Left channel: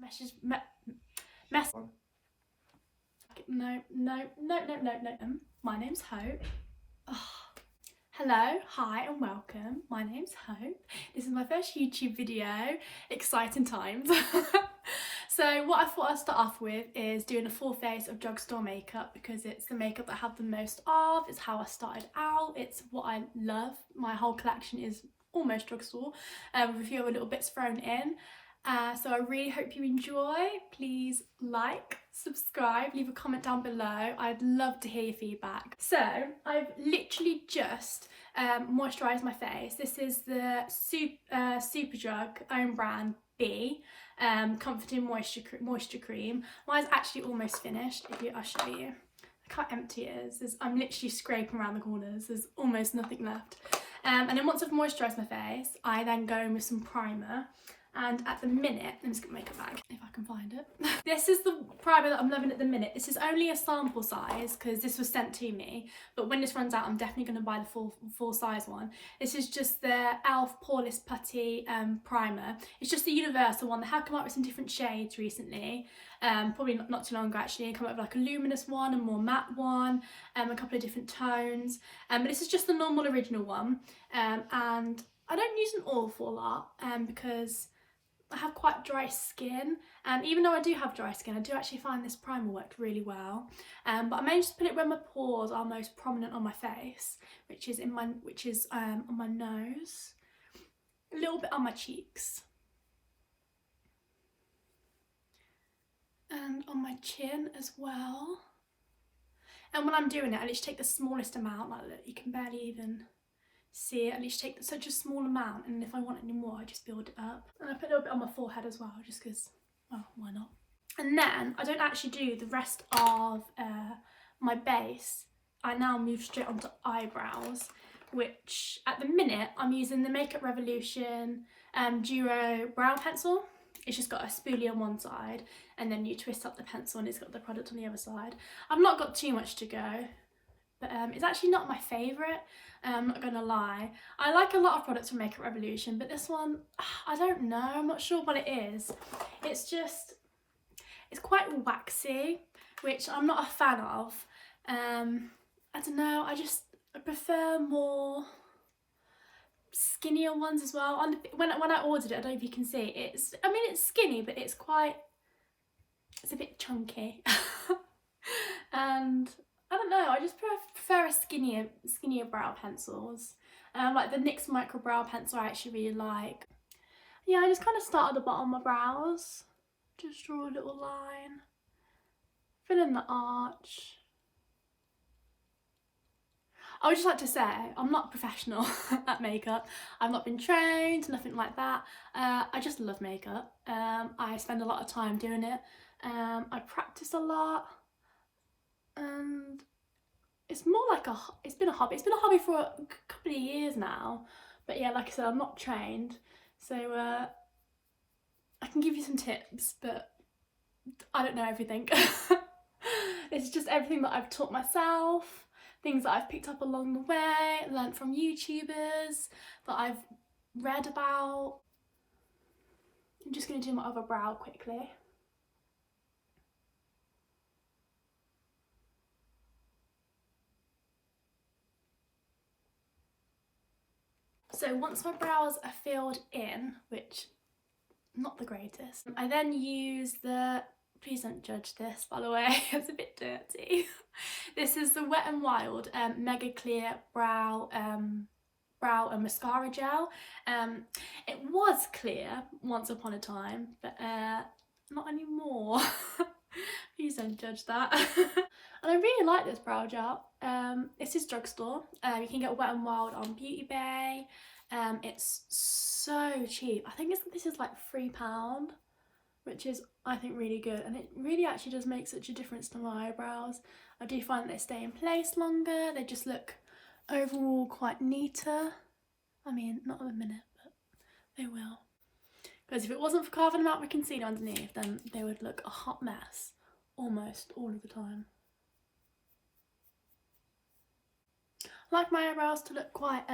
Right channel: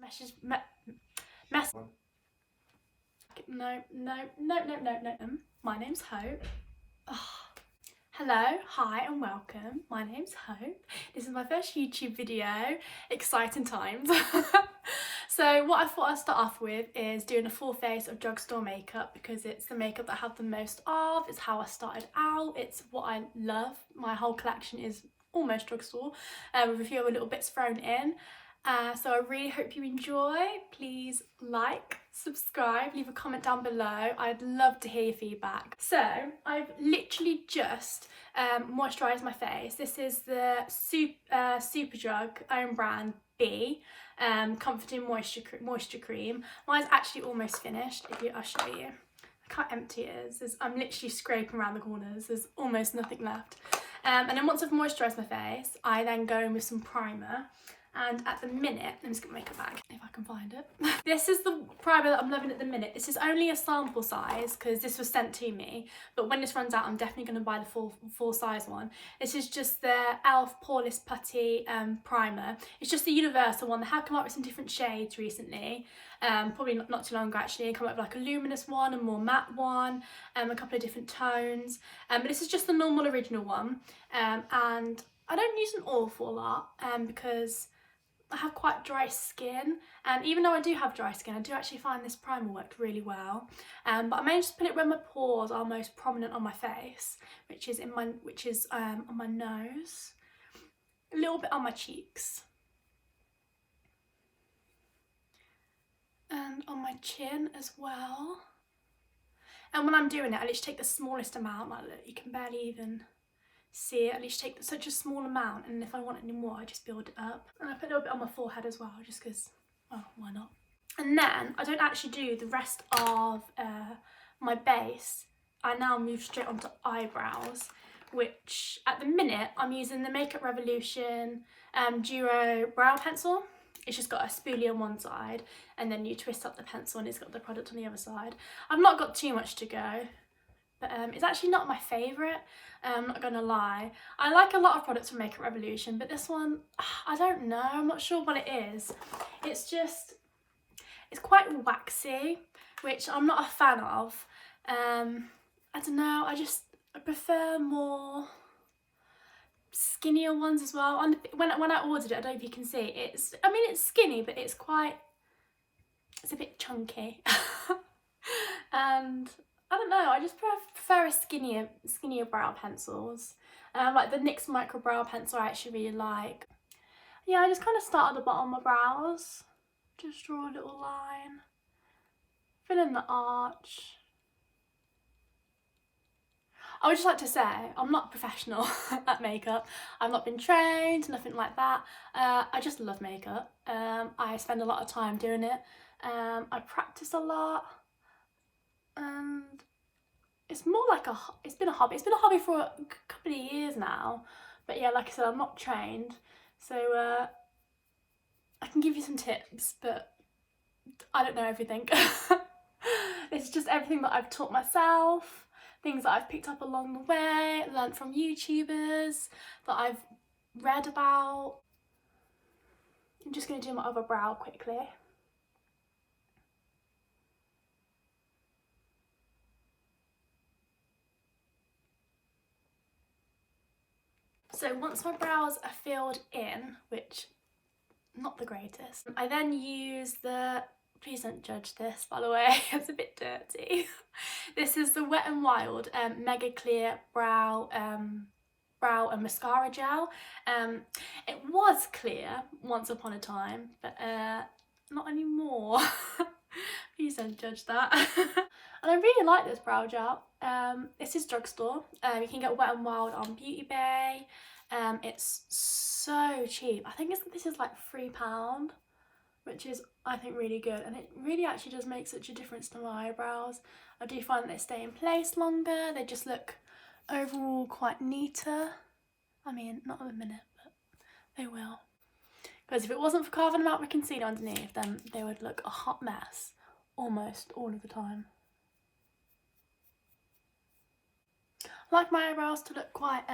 Meshes, mess. No. My name's Hope. Oh. Hello, hi and welcome. My name's Hope. This is my first YouTube video. Exciting times. So what I thought I'd start off with is doing a full face of Drugstore makeup because it's the makeup that I have the most of. It's how I started out. It's what I love. My whole collection is almost Drugstore with a few other little bits thrown in. So I really hope you enjoy. Please like, subscribe, leave a comment down below. I'd love to hear your feedback. So I've literally just moisturised my face. This is the Superdrug own brand B Comforting Moisture Cream. Mine's actually almost finished. I'll show you. Look how empty it is. I'm literally scraping around the corners. There's almost nothing left. And then once I've moisturised my face, I then go in with some primer. And at the minute, let me just get my makeup bag if I can find it. This is the primer that I'm loving at the minute. This is only a sample size because this was sent to me. But when this runs out, I'm definitely going to buy the full size one. This is just the e.l.f. Poreless Putty primer. It's just the universal one. They have come up with some different shades recently. Probably not too long ago actually. Come up with like a luminous one, a more matte one, a couple of different tones. But this is just the normal original one. And I don't use an awful lot because I have quite dry skin, and even though I do have dry skin, I do actually find this primer worked really well. But I may just put it where my pores are most prominent on my face, which is on my nose, a little bit on my cheeks, and on my chin as well. And when I'm doing it, I literally take the smallest amount. Like, look, you can barely even see it. At least take such a small amount, and if I want any more I just build it up. And I put a little bit on my forehead as well, just because, well, why not? And then I don't actually do the rest of my base. I now move straight onto eyebrows, which at the minute I'm using the Makeup Revolution Duo brow pencil. It's just got a spoolie on one side and then you twist up the pencil and it's got the product on the other side. I've not got too much to go, but it's actually not my favourite. I'm not gonna lie. I like a lot of products from Makeup Revolution, but this one, I don't know. I'm not sure what it is. It's quite waxy, which I'm not a fan of. I don't know. I prefer more skinnier ones as well. When I ordered it, I don't know if you can see. It's skinny, but it's a bit chunky. And I don't know, I just prefer a skinnier brow pencils. Like the NYX Micro Brow Pencil I actually really like. Yeah, I just kind of start at the bottom of my brows. Just draw a little line. Fill in the arch. I would just like to say, I'm not professional at makeup. I've not been trained, nothing like that. I just love makeup. I spend a lot of time doing it. I practice a lot. And it's more like it's been a hobby. It's been a hobby for a couple of years now. But yeah, like I said, I'm not trained. So I can give you some tips, but I don't know everything. It's just everything that I've taught myself, things that I've picked up along the way, learned from YouTubers, that I've read about. I'm just going to do my other brow quickly. So once my brows are filled in, which not the greatest, I then use the, please don't judge this by the way, it's a bit dirty. This is the Wet n Wild Mega Clear Brow and Mascara Gel. It was clear once upon a time, but not anymore. Please don't judge that. And I really like this brow gel. This is Drugstore. You can get Wet n Wild on Beauty Bay. It's so cheap. I think this is like £3, which is, I think, really good. And it really actually does make such a difference to my eyebrows. I do find that they stay in place longer. They just look overall quite neater. I mean, not at the minute, but they will. Because if it wasn't for carving them out with concealer underneath, then they would look a hot mess almost all of the time. I like my eyebrows to look quite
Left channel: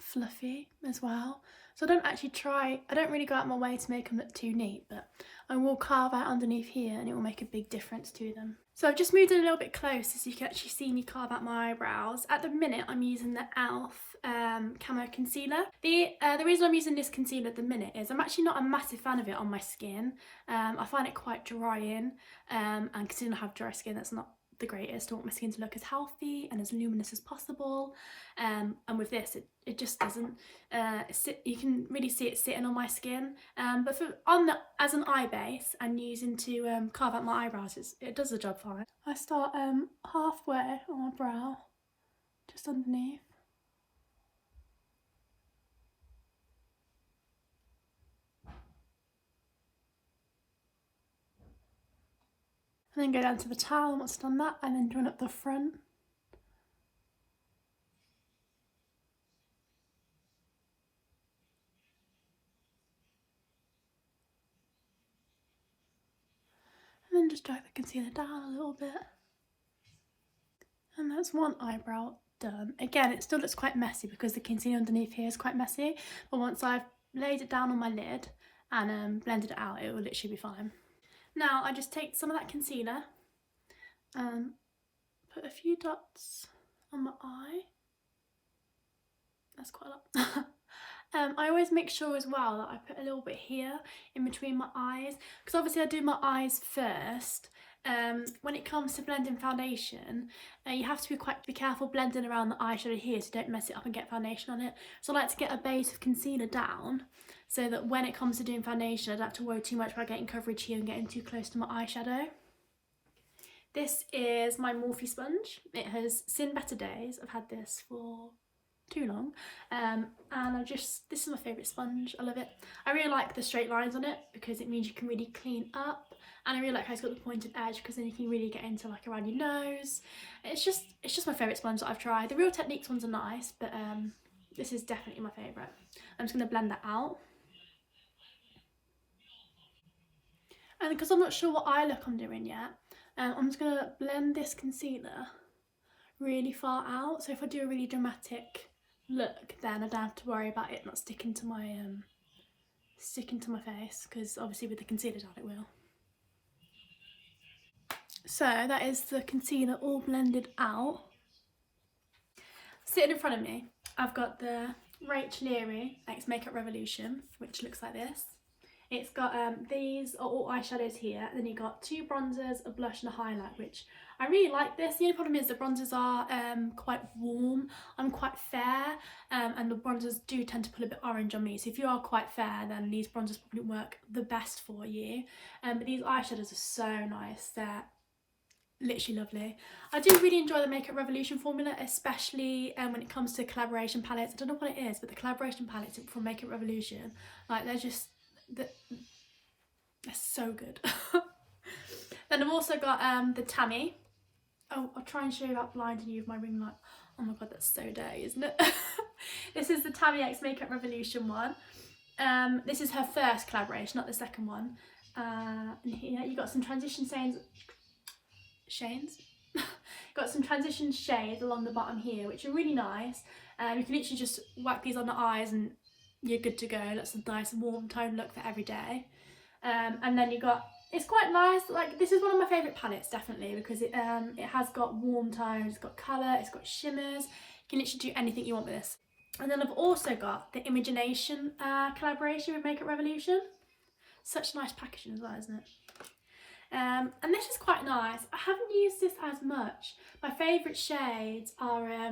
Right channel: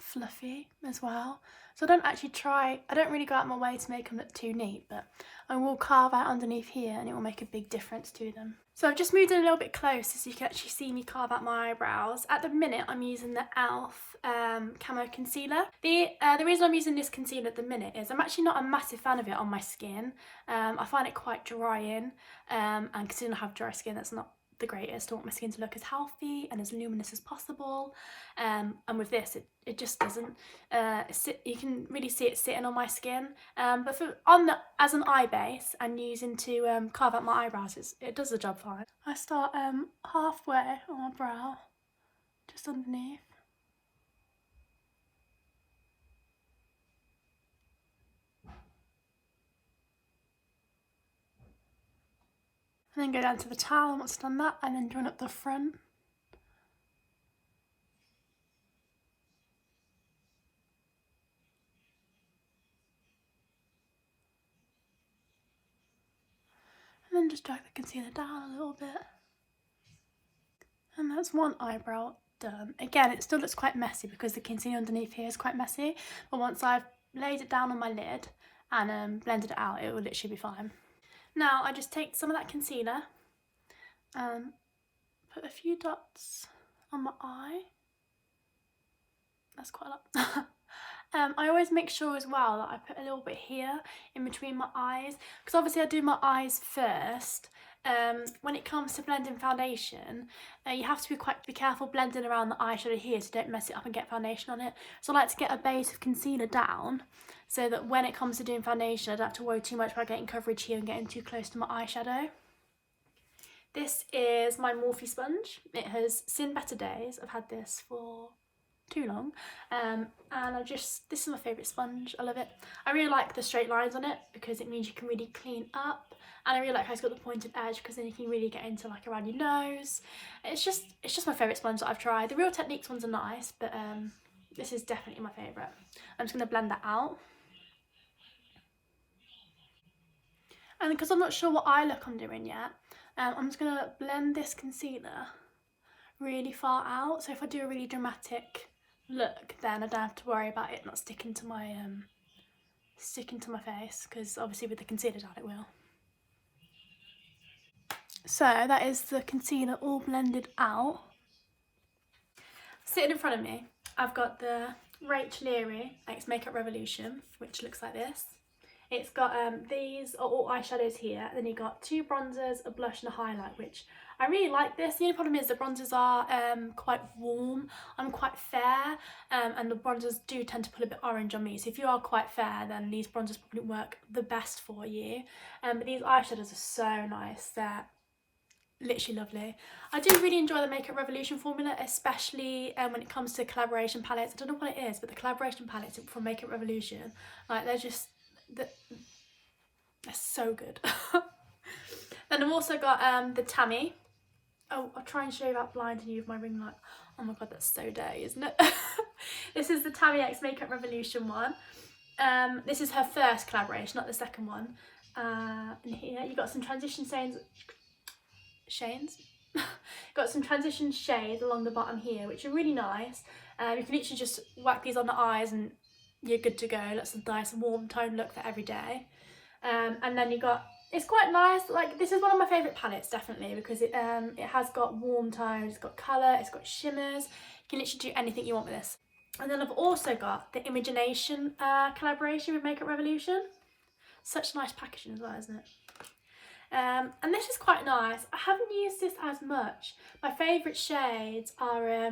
fluffy as well. So I don't really go out of my way to make them look too neat, but and we'll carve out underneath here and it will make a big difference to them. So I've just moved in a little bit closer so you can actually see me carve out my eyebrows. At the minute I'm using the e.l.f. Camo Concealer. The reason I'm using this concealer at the minute is I'm actually not a massive fan of it on my skin. I find it quite drying, and considering I have dry skin, that's not the greatest. I want my skin to look as healthy and as luminous as possible, and with this it just doesn't. You can really see it sitting on my skin, but as an eye base and using to carve out my eyebrows, it does the job fine. I start halfway on my brow, just underneath. And then go down to the towel once I've done that, and then join up the front. And then just drag the concealer down a little bit. And that's one eyebrow done. Again, it still looks quite messy because the concealer underneath here is quite messy, but once I've laid it down on my lid and blended it out, it will literally be fine. Now I just take some of that concealer and put a few dots on my eye. That's quite a lot. I always make sure as well that I put a little bit here in between my eyes, because obviously I do my eyes first. When it comes to blending foundation, you have to be careful blending around the eyeshadow here so don't mess it up and get foundation on it. So I like to get a base of concealer down so that when it comes to doing foundation, I don't have to worry too much about getting coverage here and getting too close to my eyeshadow. This is my Morphe sponge. It has seen better days. I've had this for too long, and this is my favourite sponge. I love it. I really like the straight lines on it because it means you can really clean up, and I really like how it's got the pointed edge because then you can really get into like around your nose. It's just my favourite sponge that I've tried. The Real Techniques ones are nice, but this is definitely my favourite. I'm just going to blend that out. And because I'm not sure what eye look I'm doing yet, I'm just going to blend this concealer really far out. So if I do a really dramatic look, then I don't have to worry about it not sticking to my face, because obviously with the concealer down it will. So that is the concealer all blended out. Sitting in front of me, I've got the Rachel Leary X Makeup Revolution, which looks like this. It's got these are all eyeshadows here, then you've got two bronzers, a blush and a highlight, which I really like this. The only problem is the bronzers are quite warm. I'm quite fair, and the bronzers do tend to pull a bit orange on me, so if you are quite fair then these bronzers probably work the best for you. But these eyeshadows are so nice, they're literally lovely. I do really enjoy the Makeup Revolution formula, especially when it comes to collaboration palettes. I don't know what it is, but the collaboration palettes from Makeup Revolution, like they're so good. Then I've also got the Tammy. Oh, I'll try and show you that blinding you with my ring light. Oh my god, that's so dirty, isn't it? This is the Tammy X Makeup Revolution one. This is her first collaboration, not the second one. And here you've got some transition got some transition shades along the bottom here, which are really nice. You can literally just whack these on the eyes and you're good to go. That's a nice warm tone look for every day. And then you got, it's quite nice, like this is one of my favourite palettes definitely, because it has got warm tones, it's got colour, it's got shimmers. You can literally do anything you want with this. And then I've also got the Imagination collaboration with Makeup Revolution. Such nice packaging as well, isn't it? And this is quite nice. I haven't used this as much. My favourite shades are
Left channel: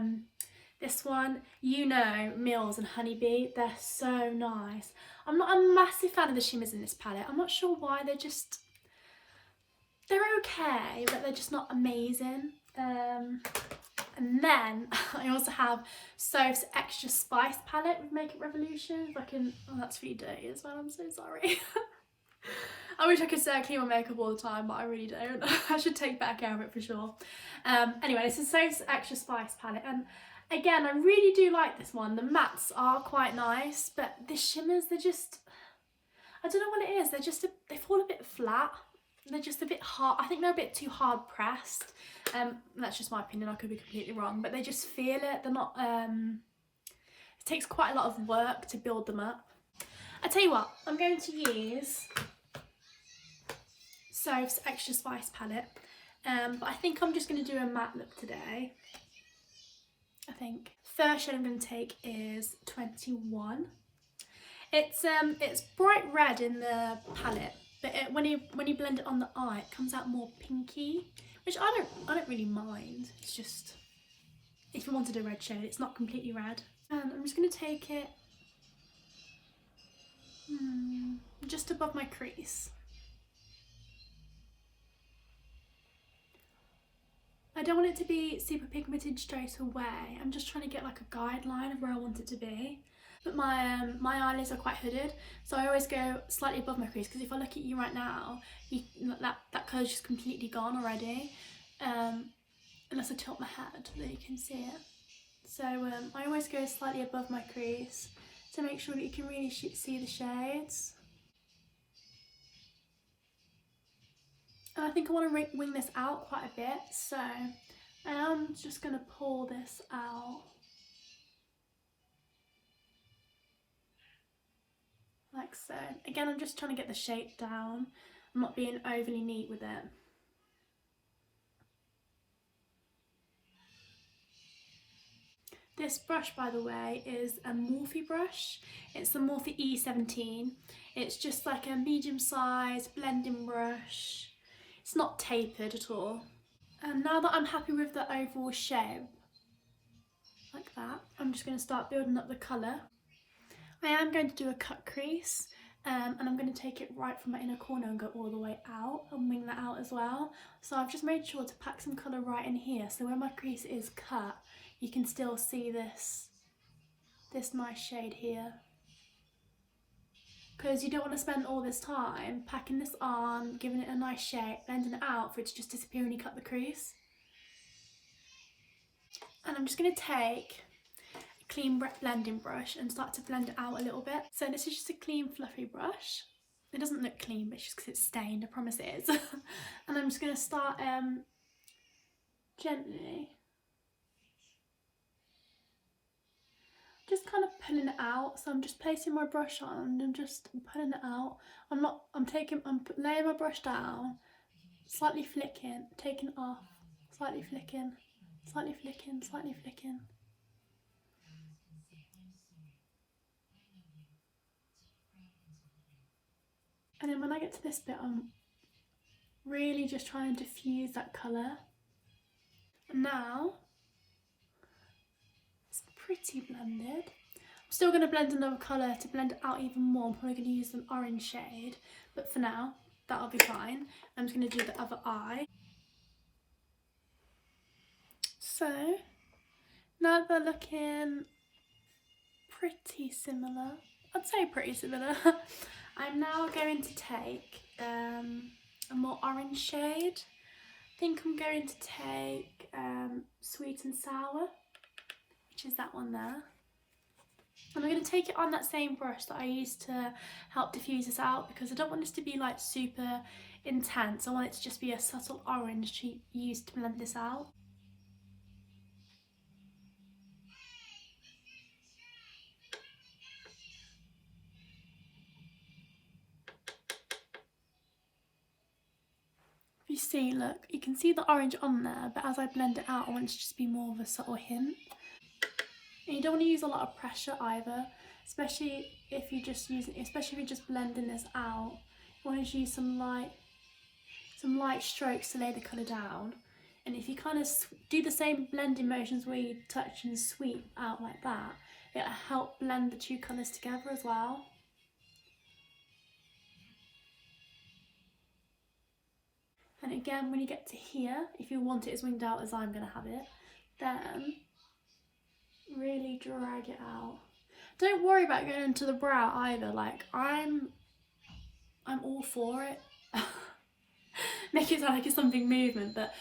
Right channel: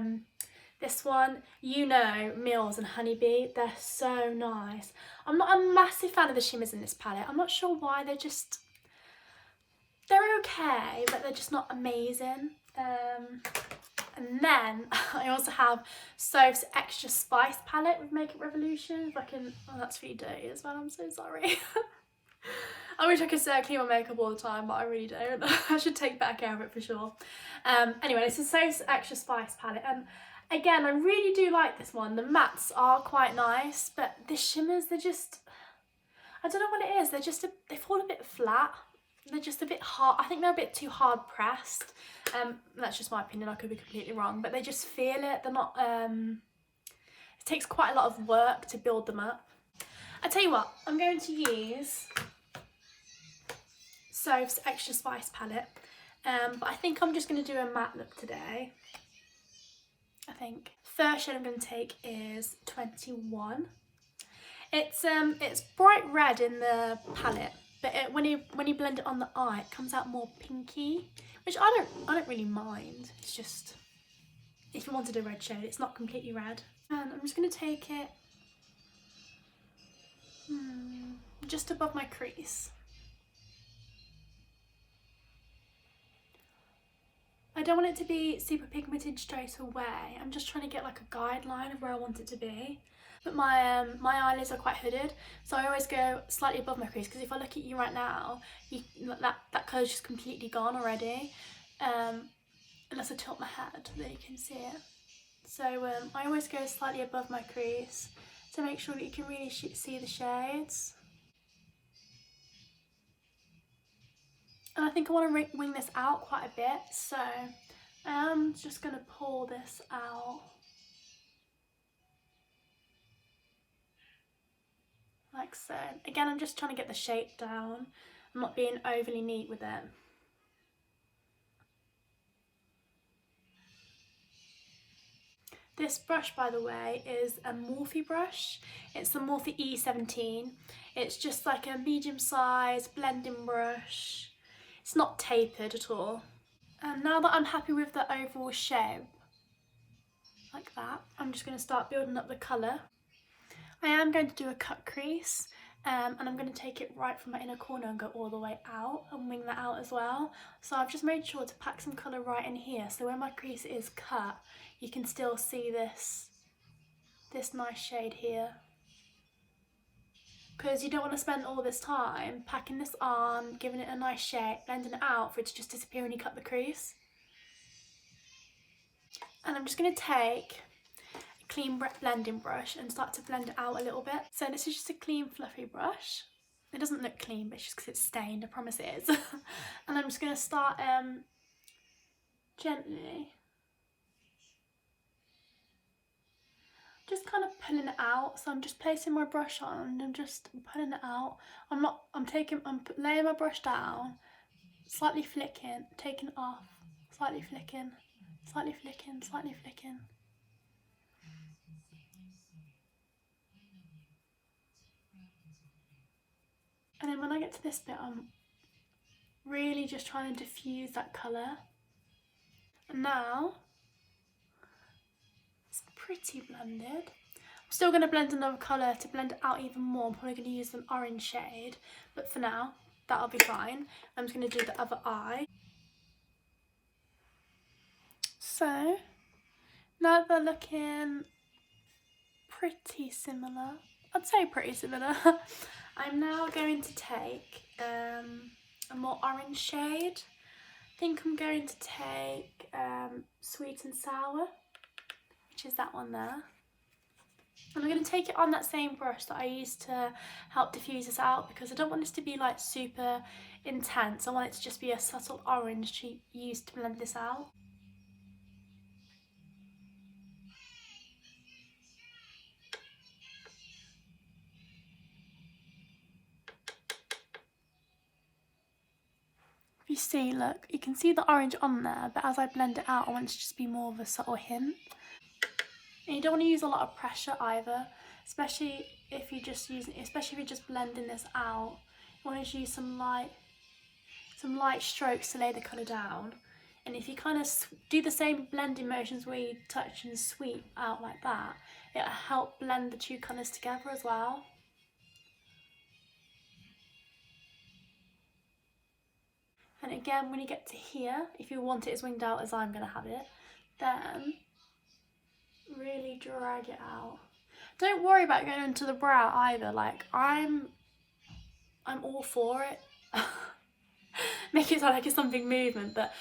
this one, You Know, Mills and Honeybee. They're so nice. I'm not a massive fan of the shimmers in this palette. I'm not sure why. They're okay, but they're just not amazing. And then I also have Soph's Extra Spice palette with Makeup Revolution. If I can, oh, that's really dirty as well. I'm so sorry. I wish I could say I clean my makeup all the time, but I really don't. I should take better care of it for sure. Anyway, this is Soph's Extra Spice palette, and again, I really do like this one. The mattes are quite nice, but the shimmers, they're just, I don't know what it is. They fall a bit flat. They're just a bit hard. I think they're a bit too hard pressed. That's just my opinion. I could be completely wrong, but they just feel it. They're not. It takes quite a lot of work to build them up. I tell you what, I'm going to use So extra spice palette. But I think I'm just going to do a matte look today. I think. First shade I'm going to take is 21. It's bright red in the palette, but when you blend it on the eye, it comes out more pinky, which I don't really mind. It's just if you wanted a red shade, it's not completely red. And I'm just going to take it just above my crease. I don't want it to be super pigmented straight away. I'm just trying to get like a guideline of where I want it to be. But my eyelids are quite hooded, so I always go slightly above my crease, because if I look at you right now, that colour's just completely gone already. Unless I tilt my head, then you can see it. So I always go slightly above my crease to make sure that you can really see the shades. And I think I want to wing this out quite a bit, so I'm just going to pull this out. Like so. Again, I'm just trying to get the shape down. I'm not being overly neat with it. This brush, by the way, is a Morphe brush. It's the Morphe E17. It's just like a medium-sized blending brush. It's not tapered at all. And now that I'm happy with the overall shape, like that, I'm just going to start building up the colour. I am going to do a cut crease, and I'm going to take it right from my inner corner and go all the way out and wing that out as well. So I've just made sure to pack some colour right in here, so where my crease is cut, you can still see this nice shade here. Because you don't want to spend all this time packing this on, giving it a nice shape, blending it out for it to just disappear when you cut the crease. And I'm just going to take a clean blending brush and start to blend it out a little bit. So this is just a clean fluffy brush. It doesn't look clean, but it's just because it's stained, I promise it is. And I'm just going to start gently just kind of pulling it out. So I'm just placing my brush on and I'm just pulling it out. I'm laying my brush down, slightly flicking, taking it off, slightly flicking, slightly flicking, slightly flicking. And then when I get to this bit, I'm really just trying to diffuse that colour. And now it's pretty blended. I'm still going to blend another colour to blend it out even more. I'm probably going to use an orange shade, but for now, that'll be fine. I'm just going to do the other eye. So now they're looking pretty similar. I'd say pretty similar. I'm now going to take a more orange shade. I think I'm going to take Sweet and Sour, which is that one there. And I'm going to take it on that same brush that I used to help diffuse this out, because I don't want this to be like super intense. I want it to just be a subtle orange to use to blend this out. If you see, look, you can see the orange on there, but as I blend it out, I want it to just be more of a subtle hint. And you don't want to use a lot of pressure either, especially if you're just blending this out. You want to use some light strokes to lay the colour down. And if you kind of do the same blending motions where you touch and sweep out like that, it'll help blend the two colours together as well. And again, when you get to here, if you want it as winged out as I'm going to have it, then really drag it out. Don't worry about going into the brow either. Like I'm all for it. Make it sound like it's something movement, but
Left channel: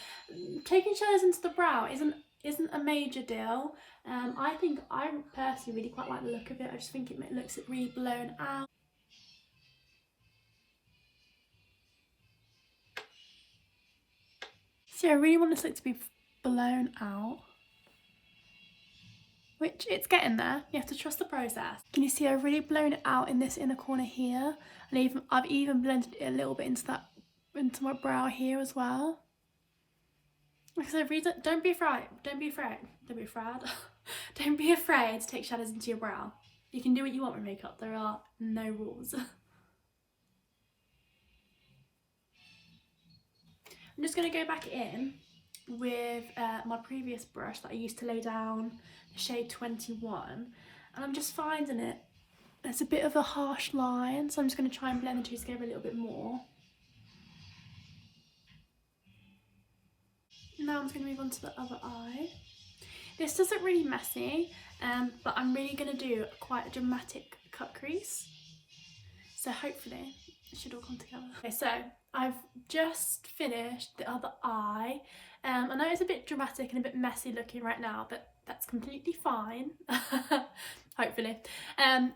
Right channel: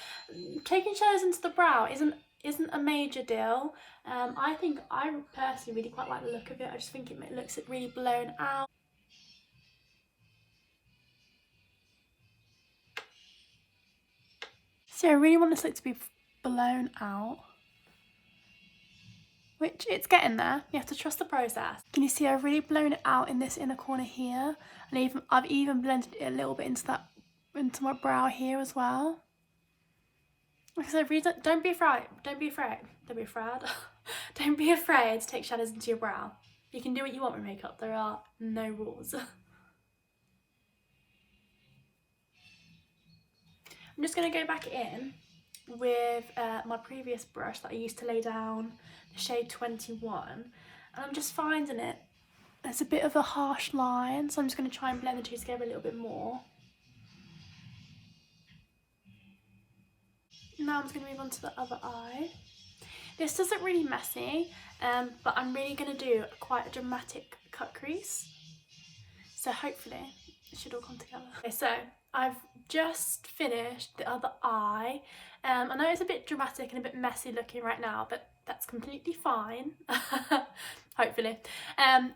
taking shadows into the brow isn't a major deal. I personally really quite like the look of it. I just think it looks really blown out. So I really want this look to be blown out, which it's getting there. You have to trust the process. Can you see I've really blown it out in this inner corner here, and I've even blended it a little bit into that into my brow here as well. Like I said, don't be afraid. Don't be afraid. Don't be afraid. Don't be afraid to take shadows into your brow. You can do what you want with makeup. There are no rules. I'm just going to go back in with my previous brush that I used to lay down the shade 21. And I'm just finding it. There's a bit of a harsh line, so I'm just going to try and blend the two together a little bit more. Now I'm just going to move on to the other eye. This doesn't really messy, but I'm really going to do quite a dramatic cut crease. So hopefully it should all come together. Okay, so I've just finished the other eye. I know it's a bit dramatic and a bit messy looking right now, but that's completely fine. Hopefully.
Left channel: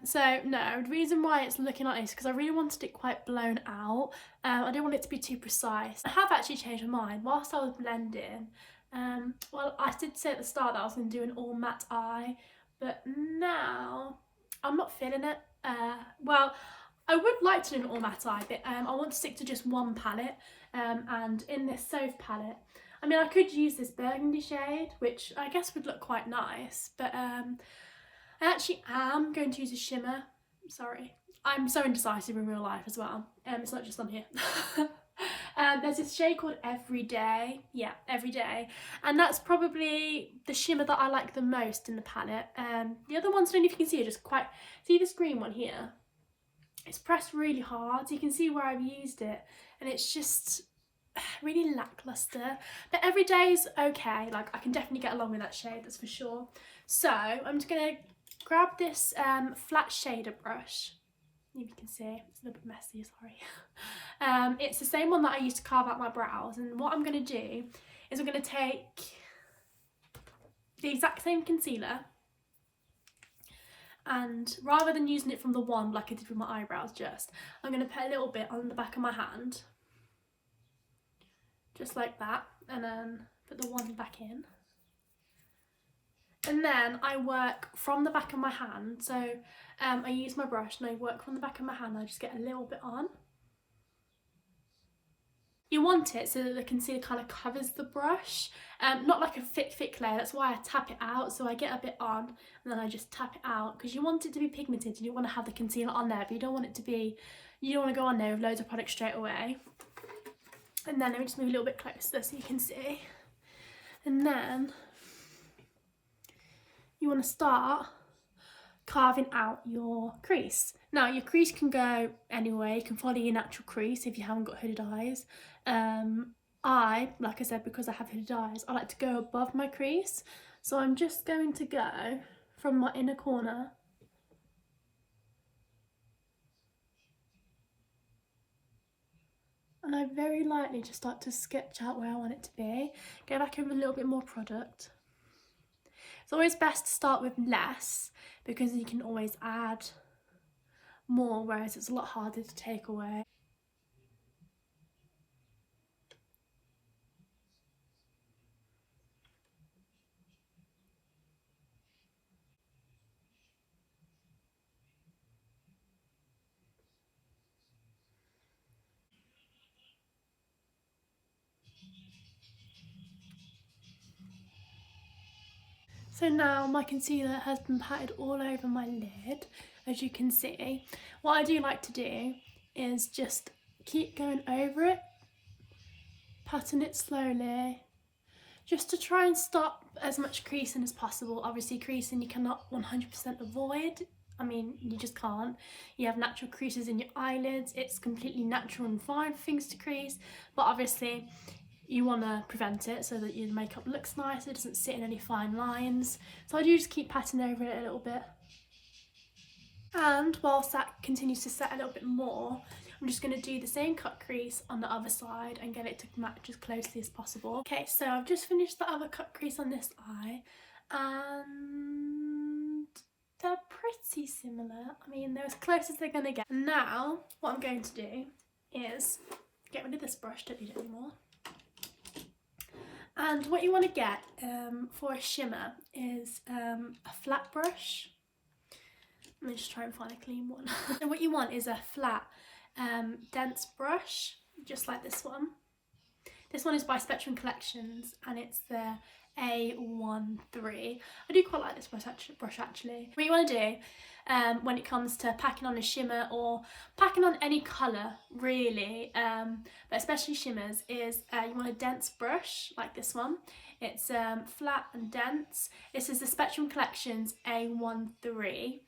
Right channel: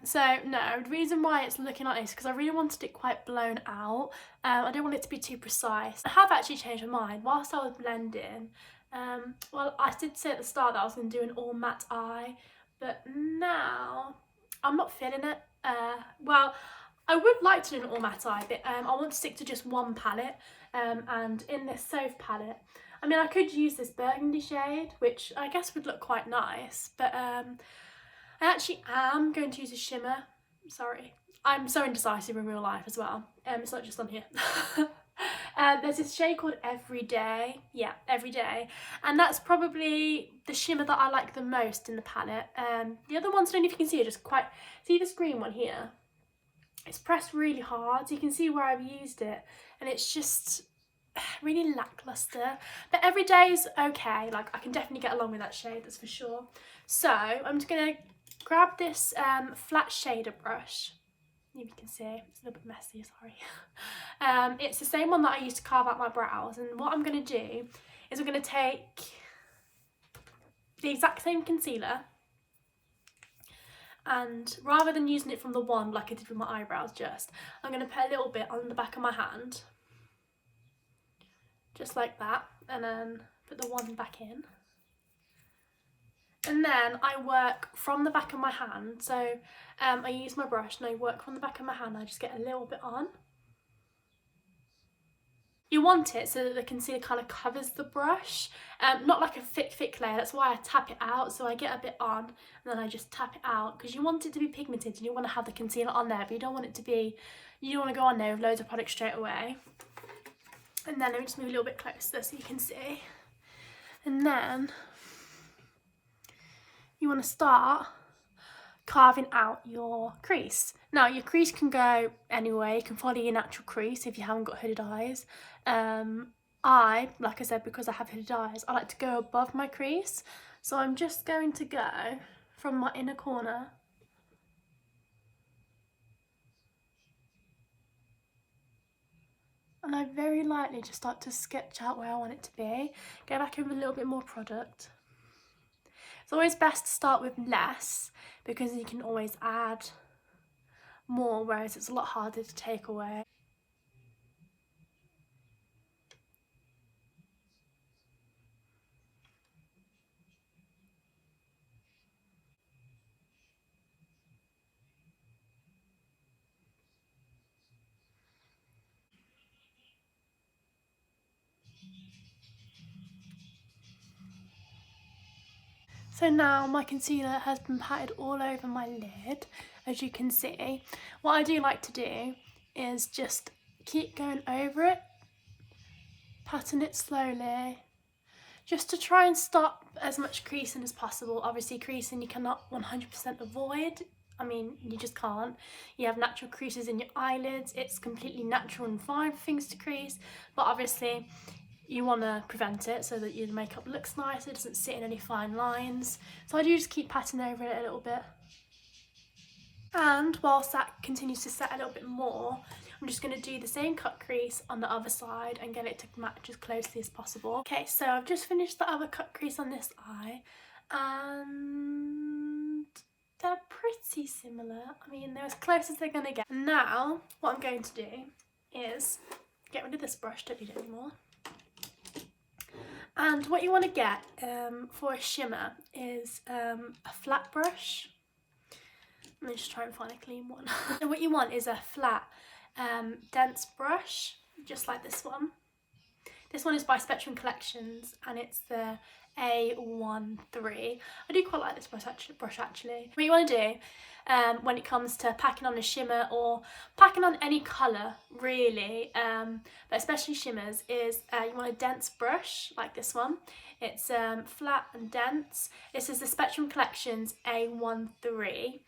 So no, the reason why it's looking like this is because I really wanted it quite blown out. I don't want it to be too precise. I have actually changed my mind whilst I was blending. Well, I did say at the start that I was going to do an all matte eye, but now I'm not feeling it. Well, I would like to do an all matte eye, but I want to stick to just one palette. And in this Soph palette, I mean, I could use this burgundy shade, which I guess would look quite nice, but I actually am going to use a shimmer. Sorry, I'm so indecisive in real life as well. It's not just on here. There's this shade called Everyday. Yeah, Everyday. And that's probably the shimmer that I like the most in the palette. The other ones, I don't know if you can see, are just quite... See this green one here? It's pressed really hard, so you can see where I've used it. And it's just really lackluster. But Everyday's okay. Like, I can definitely get along with that shade, that's for sure. So, I'm just going to grab this flat shader brush. You can see it's a little bit messy, sorry. It's the same one that I used to carve out my brows, and what I'm going to do is I'm going to take the exact same concealer, and rather than using it from the wand like I did with my eyebrows, I'm going to put a little bit on the back of my hand, just like that, and then put the wand back in. And then I work from the back of my hand, so I use my brush and I work from the back of my hand. I just get a little bit on. You want it so that the concealer kind of covers the brush, not like a thick layer. That's why I tap it out, so I get a bit on and then I just tap it out, because you want it to be pigmented and you want to have the concealer on there, but you don't want it to be, you don't want to go on there with loads of product straight away. And then let me just move a little bit closer so you can see. And then you want to start carving out your crease. Now your crease can go anywhere. You can follow your natural crease if you haven't got hooded eyes. Like I said, because I have hooded eyes, I like to go above my crease. So I'm just going to go from my inner corner and I very lightly just start to sketch out where I want it to be. Go back in with a little bit more product. It's always best to start with less, because you can always add more, whereas it's a lot harder to take away. So now my concealer has been patted all over my lid, as you can see. What I do like to do is just keep going over it, patting it slowly, just to try and stop as much creasing as possible. Obviously creasing you cannot 100% avoid. I mean, you just can't. You have natural creases in your eyelids. It's completely natural and fine for things to crease, but obviously you want to prevent it so that your makeup looks nice, it doesn't sit in any fine lines. So I do just keep patting over it a little bit. And whilst that continues to set a little bit more, I'm just going to do the same cut crease on the other side and get it to match as closely as possible. Okay, so I've just finished the other cut crease on this eye, and they're pretty similar. I mean, they're as close as they're going to get. And now, what I'm going to do is get rid of this brush, don't need it anymore. And what you want to get for a shimmer is a flat brush. Let me just try and find a clean one. And what you want is a flat, dense brush. just like this one. This one is by Spectrum Collections and it's the A13. I do quite like this brush actually. What you want to do when it comes to packing on a shimmer or packing on any colour really, but especially shimmers, is you want a dense brush like this one. It's flat and dense. This is the Spectrum Collections A13.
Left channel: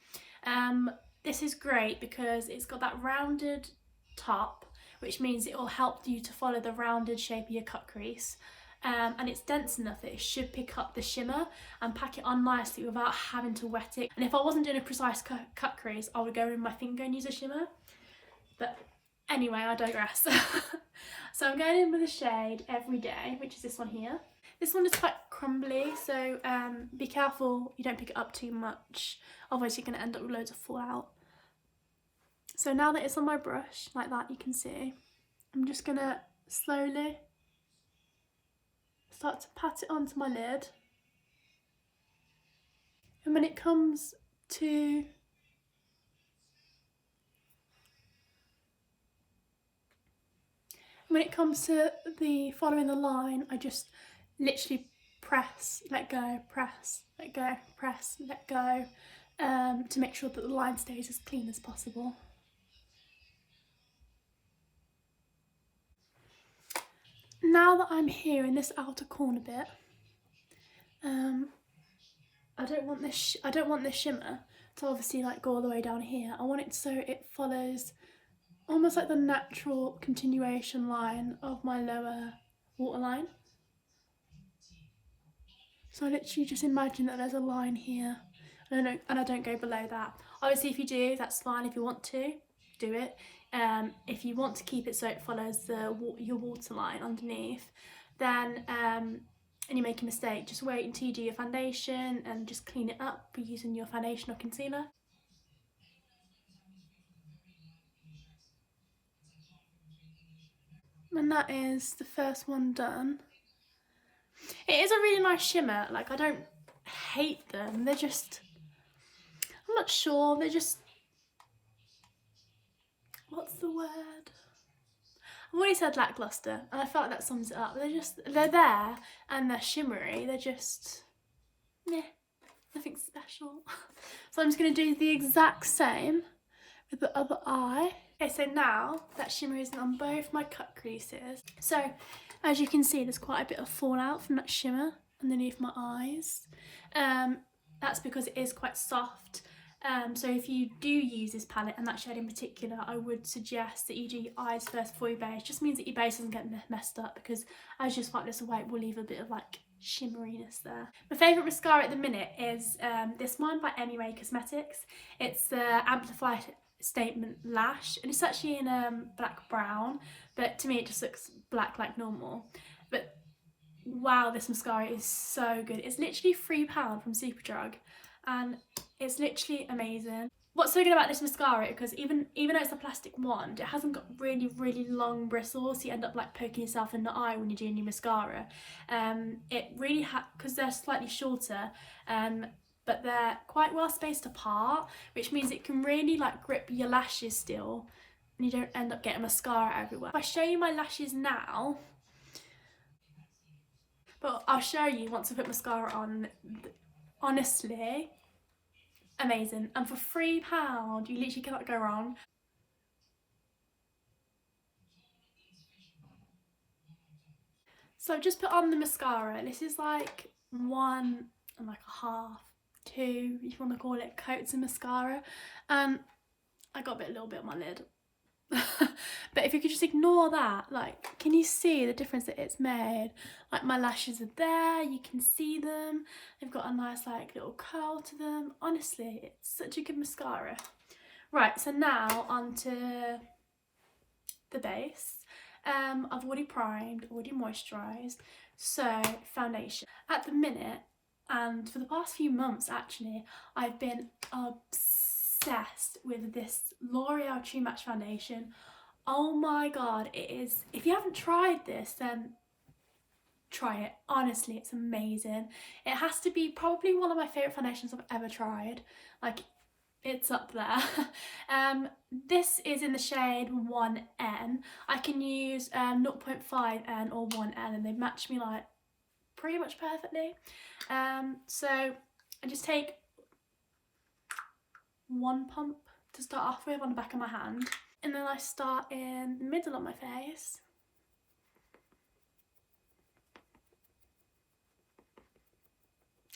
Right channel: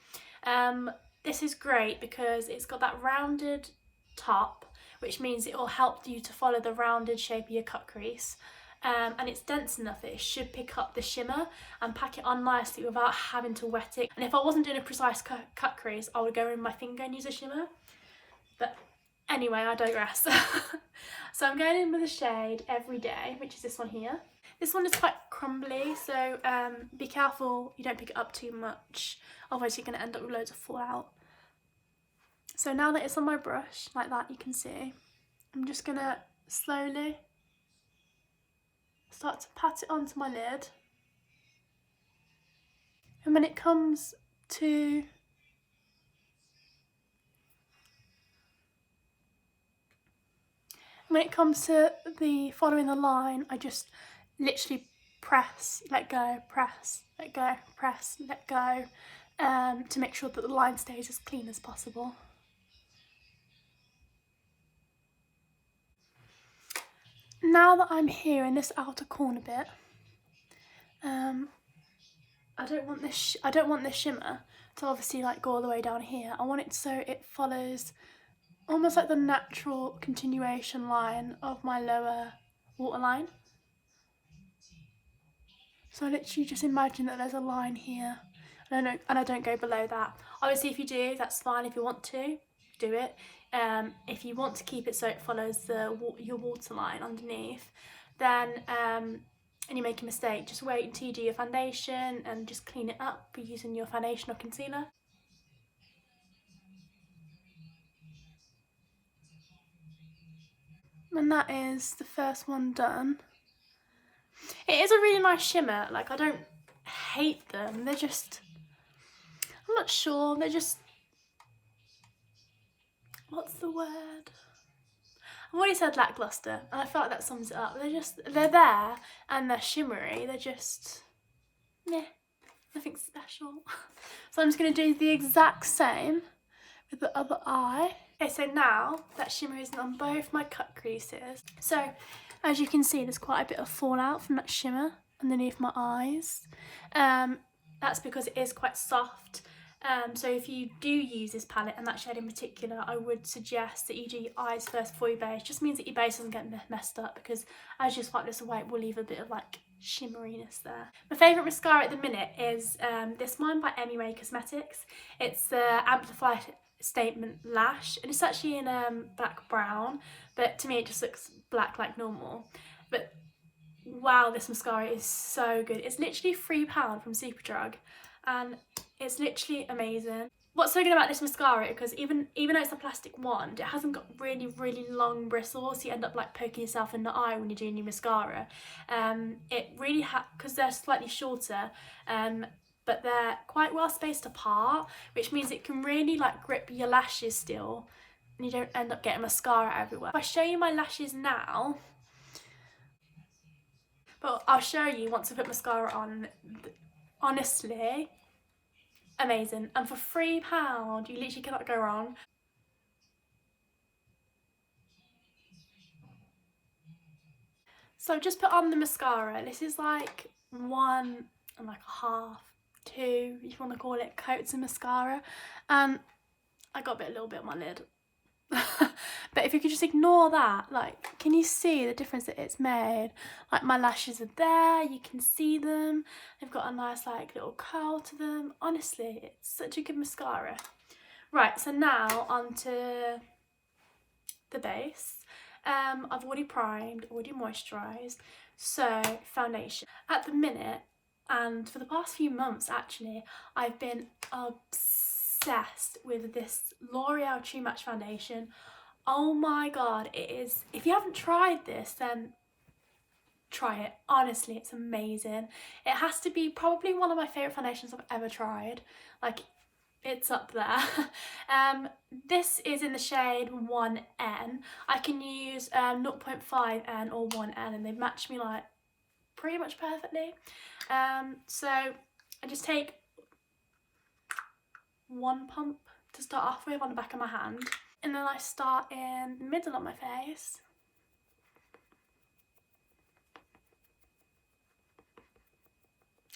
This is great because it's got that rounded top, which means it will help you to follow the rounded shape of your cut crease. And it's dense enough that it should pick up the shimmer and pack it on nicely without having to wet it. And if I wasn't doing a precise cut crease, I would go in my finger and use a shimmer. But anyway, I digress. So I'm going in with the shade Everyday, which is this one here. This one is quite crumbly, so be careful you don't pick it up too much, otherwise you're going to end up with loads of fallout. So now that it's on my brush, like that, you can see, I'm just going to slowly start to pat it onto my lid. And when it comes to the following the line, I just literally press, let go, press, let go, press, let go, to make sure that the line stays as clean as possible. Now that I'm here in this outer corner bit, I don't want this shimmer to obviously like go all the way down here. I want it so it follows almost like the natural continuation line of my lower waterline. So I literally just imagine that there's a line here, and I don't go below that. Obviously if you do, that's fine. If you want to, do it. If you want to keep it so it follows your waterline underneath, then and you make a mistake, just wait until you do your foundation and just clean it up using your foundation or concealer. And that is the first one done. It is a really nice shimmer. Like, I don't hate them, they're just, I'm not sure, they're just, what's the word? I've already said lackluster, and I felt like that sums it up. They're there, and they're shimmery, they're just, meh, nothing special. So I'm just going to do the exact same with the other eye. Okay, so now that shimmer is on both my cut creases. So, as you can see, there's quite a bit of fallout from that shimmer underneath my eyes. That's because it is quite soft. So if you do use this palette and that shade in particular, I would suggest that you do your eyes first before your base. Just means that your base doesn't get messed up, because as you swipe this away, it will leave a bit of like shimmeriness there. My favourite mascara at the minute is this one by Ray Cosmetics. It's the Amplify Statement Lash, and it's actually in black brown, but to me it just looks black like normal. But wow, this mascara is so good. It's literally £3 from Superdrug, and it's literally amazing. What's so good about this mascara, because even though it's a plastic wand, it hasn't got really long bristles, so you end up like poking yourself in the eye when you're doing your mascara. It really because they're slightly shorter, but they're quite well spaced apart, which means it can really like grip your lashes still, and you don't end up getting mascara everywhere. If I show you my lashes now, but I'll show you once I put mascara on, honestly, amazing. And for £3, you literally cannot go wrong. So I've just put on the mascara. This is like 1 and like a half, 2, if you want to call it, coats of mascara. I got a little bit on my lid. But if you could just ignore that, like, can you see the difference that it's made? Like, my lashes are there, you can see them, they've got a nice like little curl to them. Honestly, it's such a good mascara. Right, so now onto the base. I've already primed, already moisturised. So foundation. At the minute, and for the past few months actually, I've been obsessed with this L'Oreal True Match foundation. Oh my god, it is, if you haven't tried this, then try it. Honestly, it's amazing. It has to be probably one of my favourite foundations I've ever tried. Like, it's up there. this is in the shade 1N. I can use 0.5N or 1N, and they match me like pretty much perfectly. So I just take one pump to start off with on the back of my hand, and then I start in the middle of my face.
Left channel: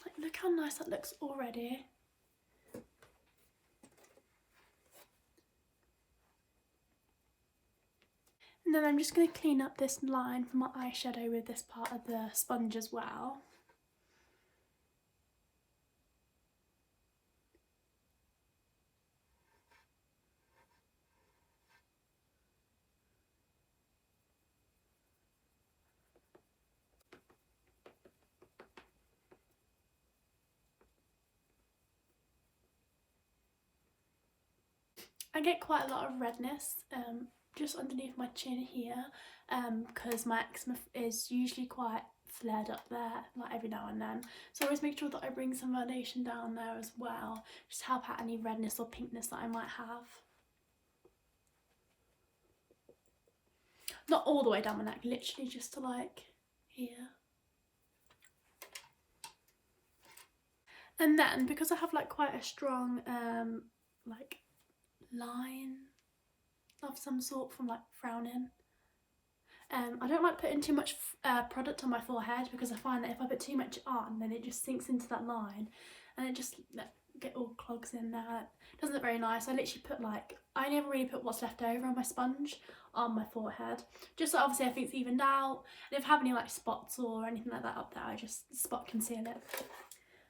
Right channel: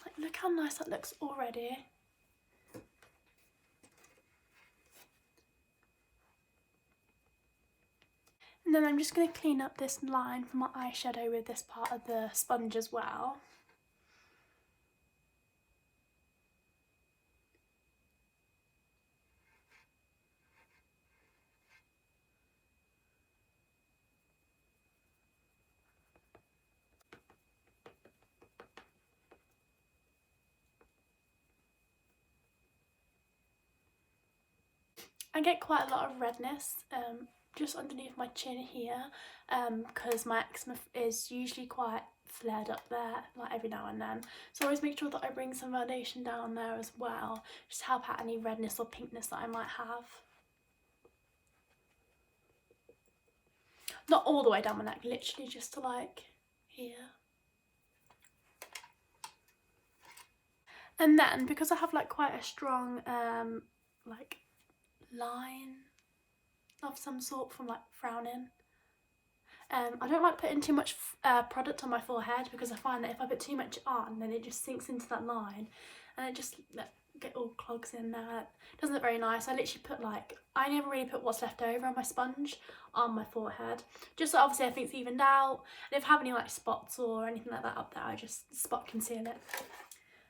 Like, look how nice that looks already. And then I'm just going to clean up this line from my eyeshadow with this part of the sponge as well. I get quite a lot of redness just underneath my chin here, because my eczema is usually quite flared up there, like every now and then. So I always make sure that I bring some foundation down there as well, just to help out any redness or pinkness that I might have. Not all the way down my neck, literally just to like here. And then because I have like quite a strong like line of some sort from like frowning, I don't like putting too much product on my forehead, because I find that if I put too much on, then it just sinks into that line and it just get all clogs in there. It doesn't look very nice. I literally put like, I never really put what's left over on my sponge on my forehead, just so obviously everything's evened out, and if I have any like spots or anything like that up there, I just spot conceal it.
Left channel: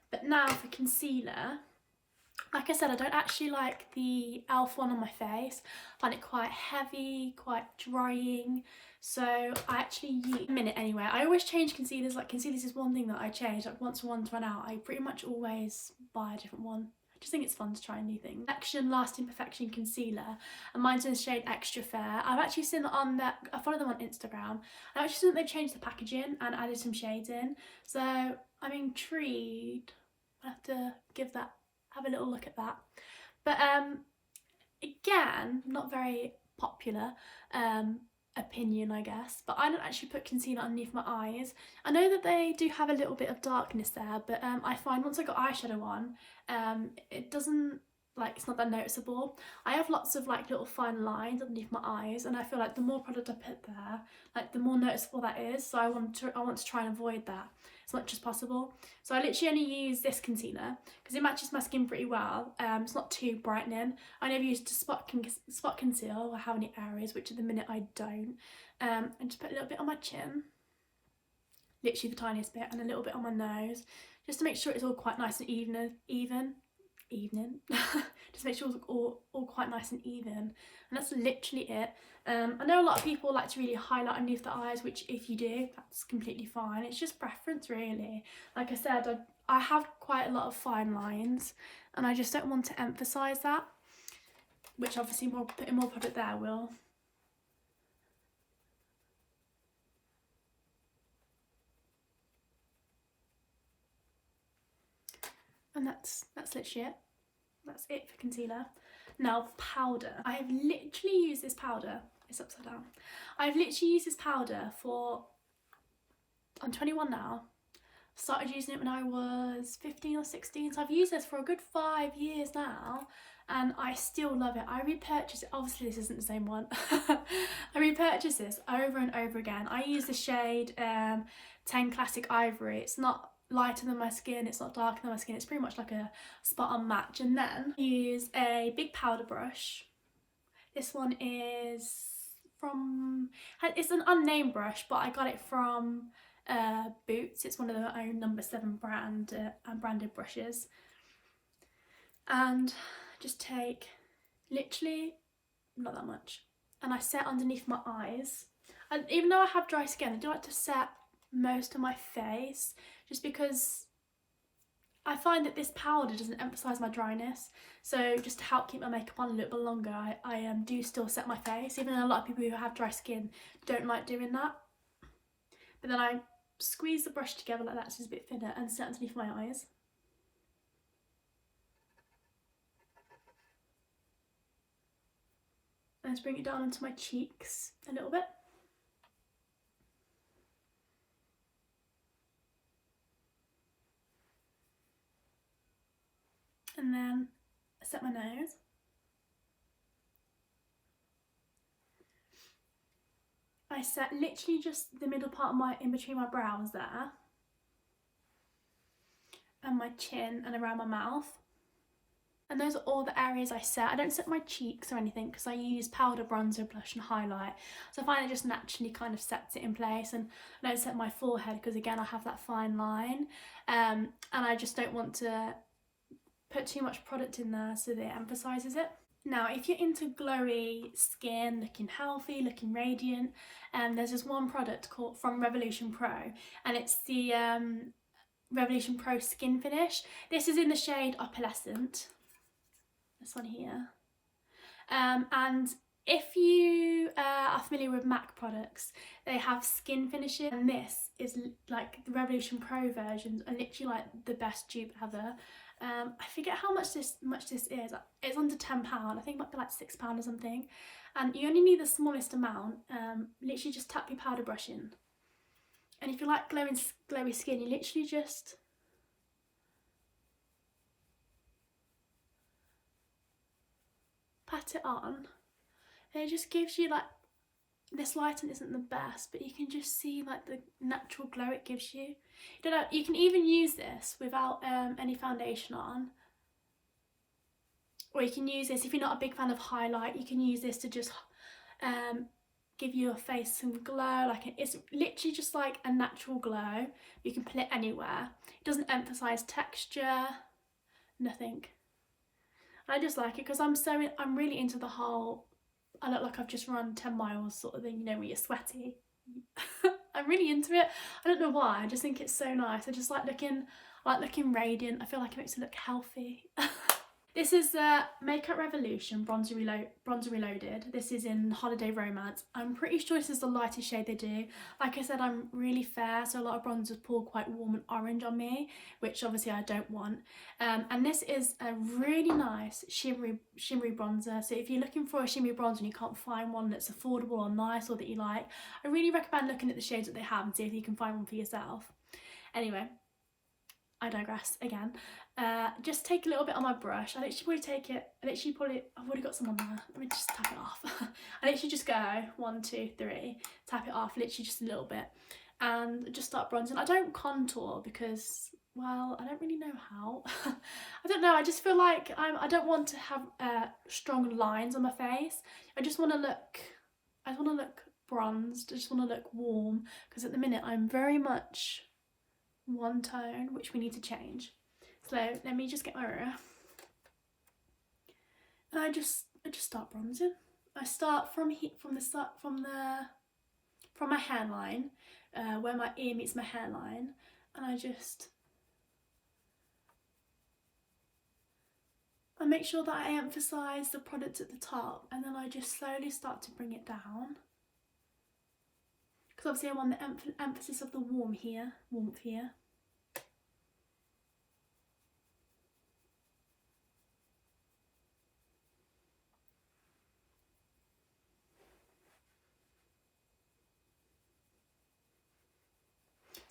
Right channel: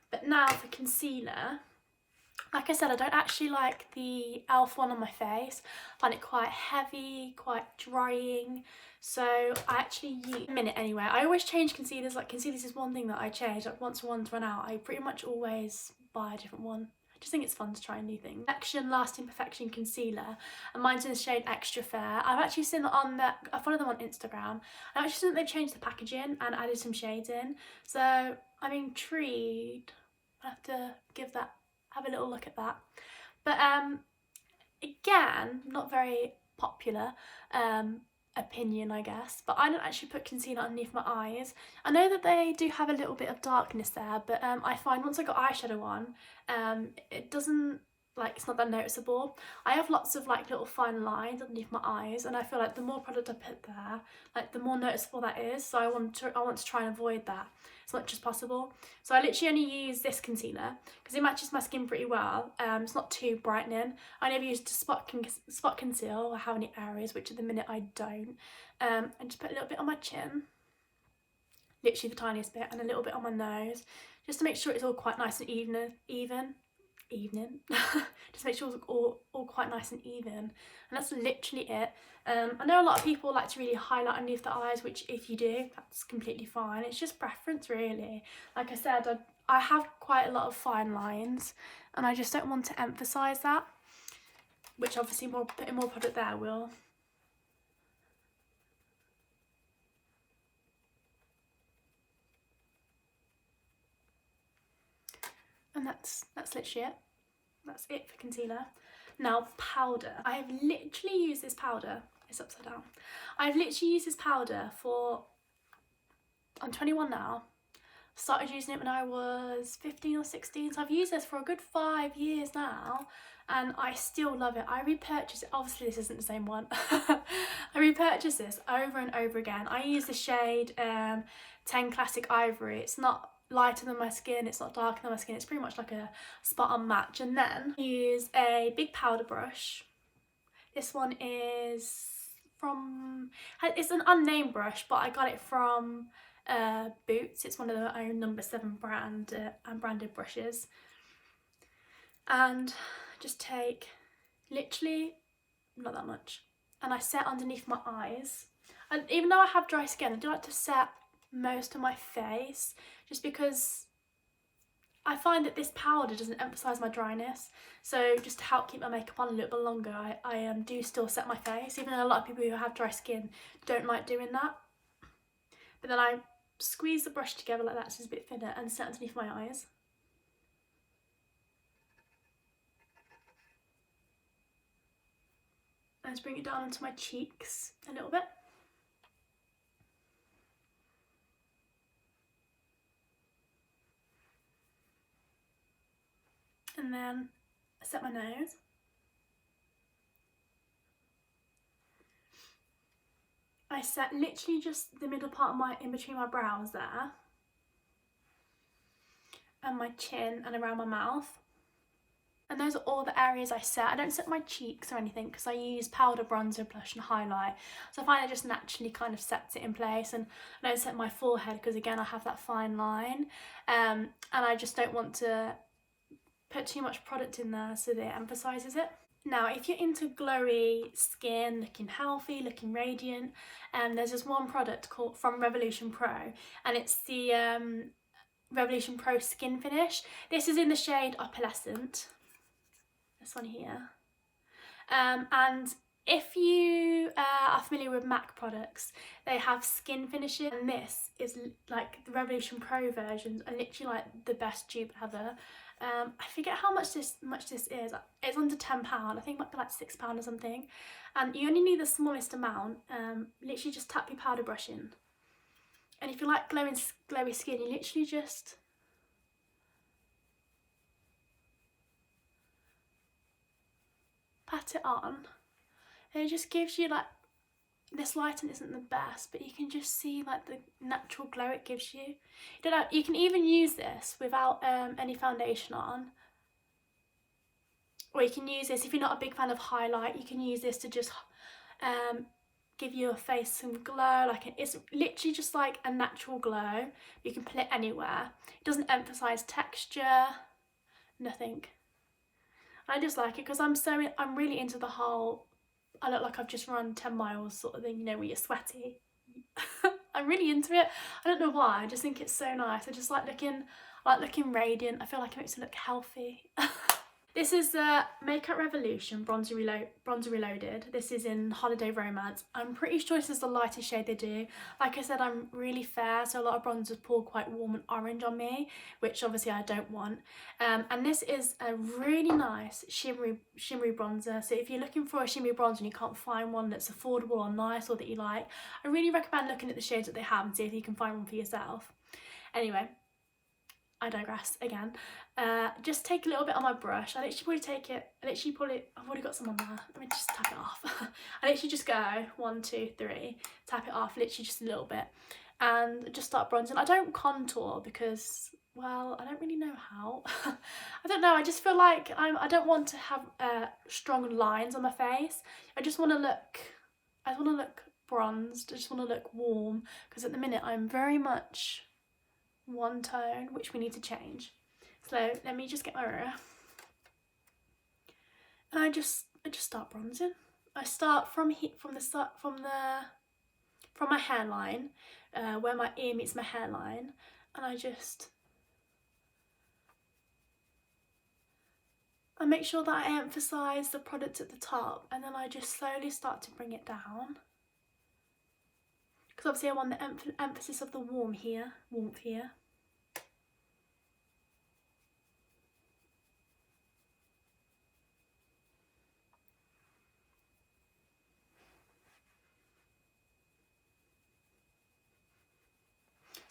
But now for concealer, like I said, I don't actually like the e.l.f. one on my face. I find it quite heavy, quite drying. So I actually use, a minute anyway, I always change concealers. Like concealers is one thing that I change. Like once one's run out, I pretty much always buy a different one. I just think it's fun to try new things. Perfection Lasting Perfection Concealer, and mine's in the shade Extra Fair. I've actually seen on that, I follow them on Instagram. I've actually seen that they changed the packaging and added some shades in. So I'm intrigued. I have to have a little look at that. But again, not very popular opinion, I guess, but I don't actually put concealer underneath my eyes. I know that they do have a little bit of darkness there, but I find once I got eyeshadow on, it doesn't, like, it's not that noticeable. I have lots of like little fine lines underneath my eyes, and I feel like the more product I put there, like the more noticeable that is. So I want to try and avoid that as much as possible. So I literally only use this concealer because it matches my skin pretty well. It's not too brightening. I never use to spot conceal or have any areas, which at the minute I don't. I just put a little bit on my chin, literally the tiniest bit, and a little bit on my nose, just to make sure it's all quite nice and even. Just make sure it's all quite nice and even, and that's literally it. I know a lot of people like to really highlight underneath the eyes, which if you do, that's completely fine. It's just preference really. Like I said, I have quite a lot of fine lines, and I just don't want to emphasise that, which obviously putting more product there will. And that's literally it. That's it for concealer. Now powder. I have literally used this powder. It's upside down. I've literally used this powder for, I'm 21 now. Started using it when I was 15 or 16. So I've used this for a good 5 years now, and I still love it. I repurchase it. Obviously this isn't the same one. I repurchase this over and over again. I use the shade 10 Classic Ivory. It's not lighter than my skin, it's not darker than my skin, it's pretty much like a spot on match. And then use a big powder brush. This one is from, it's an unnamed brush, but I got it from Boots. It's one of their own number 7 brand branded brushes. And just take literally not that much, and I set underneath my eyes. And even though I have dry skin, I do like to set most of my face, just because I find that this powder doesn't emphasise my dryness. So just to help keep my makeup on a little bit longer, I do still set my face, even though a lot of people who have dry skin don't like doing that. But then I squeeze the brush together like that so it's a bit thinner, and set underneath my eyes. And let's bring it down onto my cheeks a little bit. And then set my nose. I set literally just the middle part of in between my brows there. And my chin and around my mouth. And those are all the areas I set. I don't set my cheeks or anything because I use powder, bronzer, blush and highlight. So I find it just naturally kind of sets it in place. And I don't set my forehead because again I have that fine line. And I just don't want to put too much product in there so that it emphasises it. Now if you're into glowy skin, looking healthy, looking radiant, there's this one product called from Revolution Pro, and it's the Revolution Pro Skin Finish. This is in the shade Opalescent, this one here. And if you are familiar with MAC products, they have skin finishes, and this is like the Revolution Pro versions are literally like the best dupe ever. I forget how much this is. It's under £10. I think it might be like £6 or something. And you only need the smallest amount. Literally just tap your powder brush in. And if you like glowy skin, you literally just pat it on. And it just gives you like, this lighting isn't the best, but you can just see like the natural glow it gives you. You can even use this without any foundation on. Or you can use this, if you're not a big fan of highlight, you can use this to just give your face some glow. Like it's literally just like a natural glow. You can put it anywhere. It doesn't emphasize texture, nothing. I just like it because I'm really into the whole, I look like I've just run 10 miles sort of thing, you know, when you're sweaty. I'm really into it. I don't know why, I just think it's so nice. I just like looking radiant. I feel like it makes me look healthy. This is the Makeup Revolution Bronzer Reloaded. This is in Holiday Romance. I'm pretty sure this is the lightest shade they do. Like I said, I'm really fair, so a lot of bronzers pull quite warm and orange on me, which obviously I don't want. And this is a really nice shimmery bronzer. So if you're looking for a shimmery bronzer and you can't find one that's affordable or nice or that you like, I really recommend looking at the shades that they have and see if you can find one for yourself. Anyway, I digress again. Just take a little bit on my brush. I've already got some on there. Let me just tap it off. I literally just go 1, 2, 3, tap it off, literally just a little bit, and just start bronzing. I don't contour because, well, I don't really know how. I don't know, I just feel like I don't want to have strong lines on my face. I just want to look bronzed. I just want to look warm, because at the minute I'm very much one tone, which we need to change. So let me just get my mirror. And I just start bronzing. I start from my hairline, where my ear meets my hairline, and I make sure that I emphasise the product at the top, and then I just slowly start to bring it down. Because obviously I want the emphasis of the warmth here.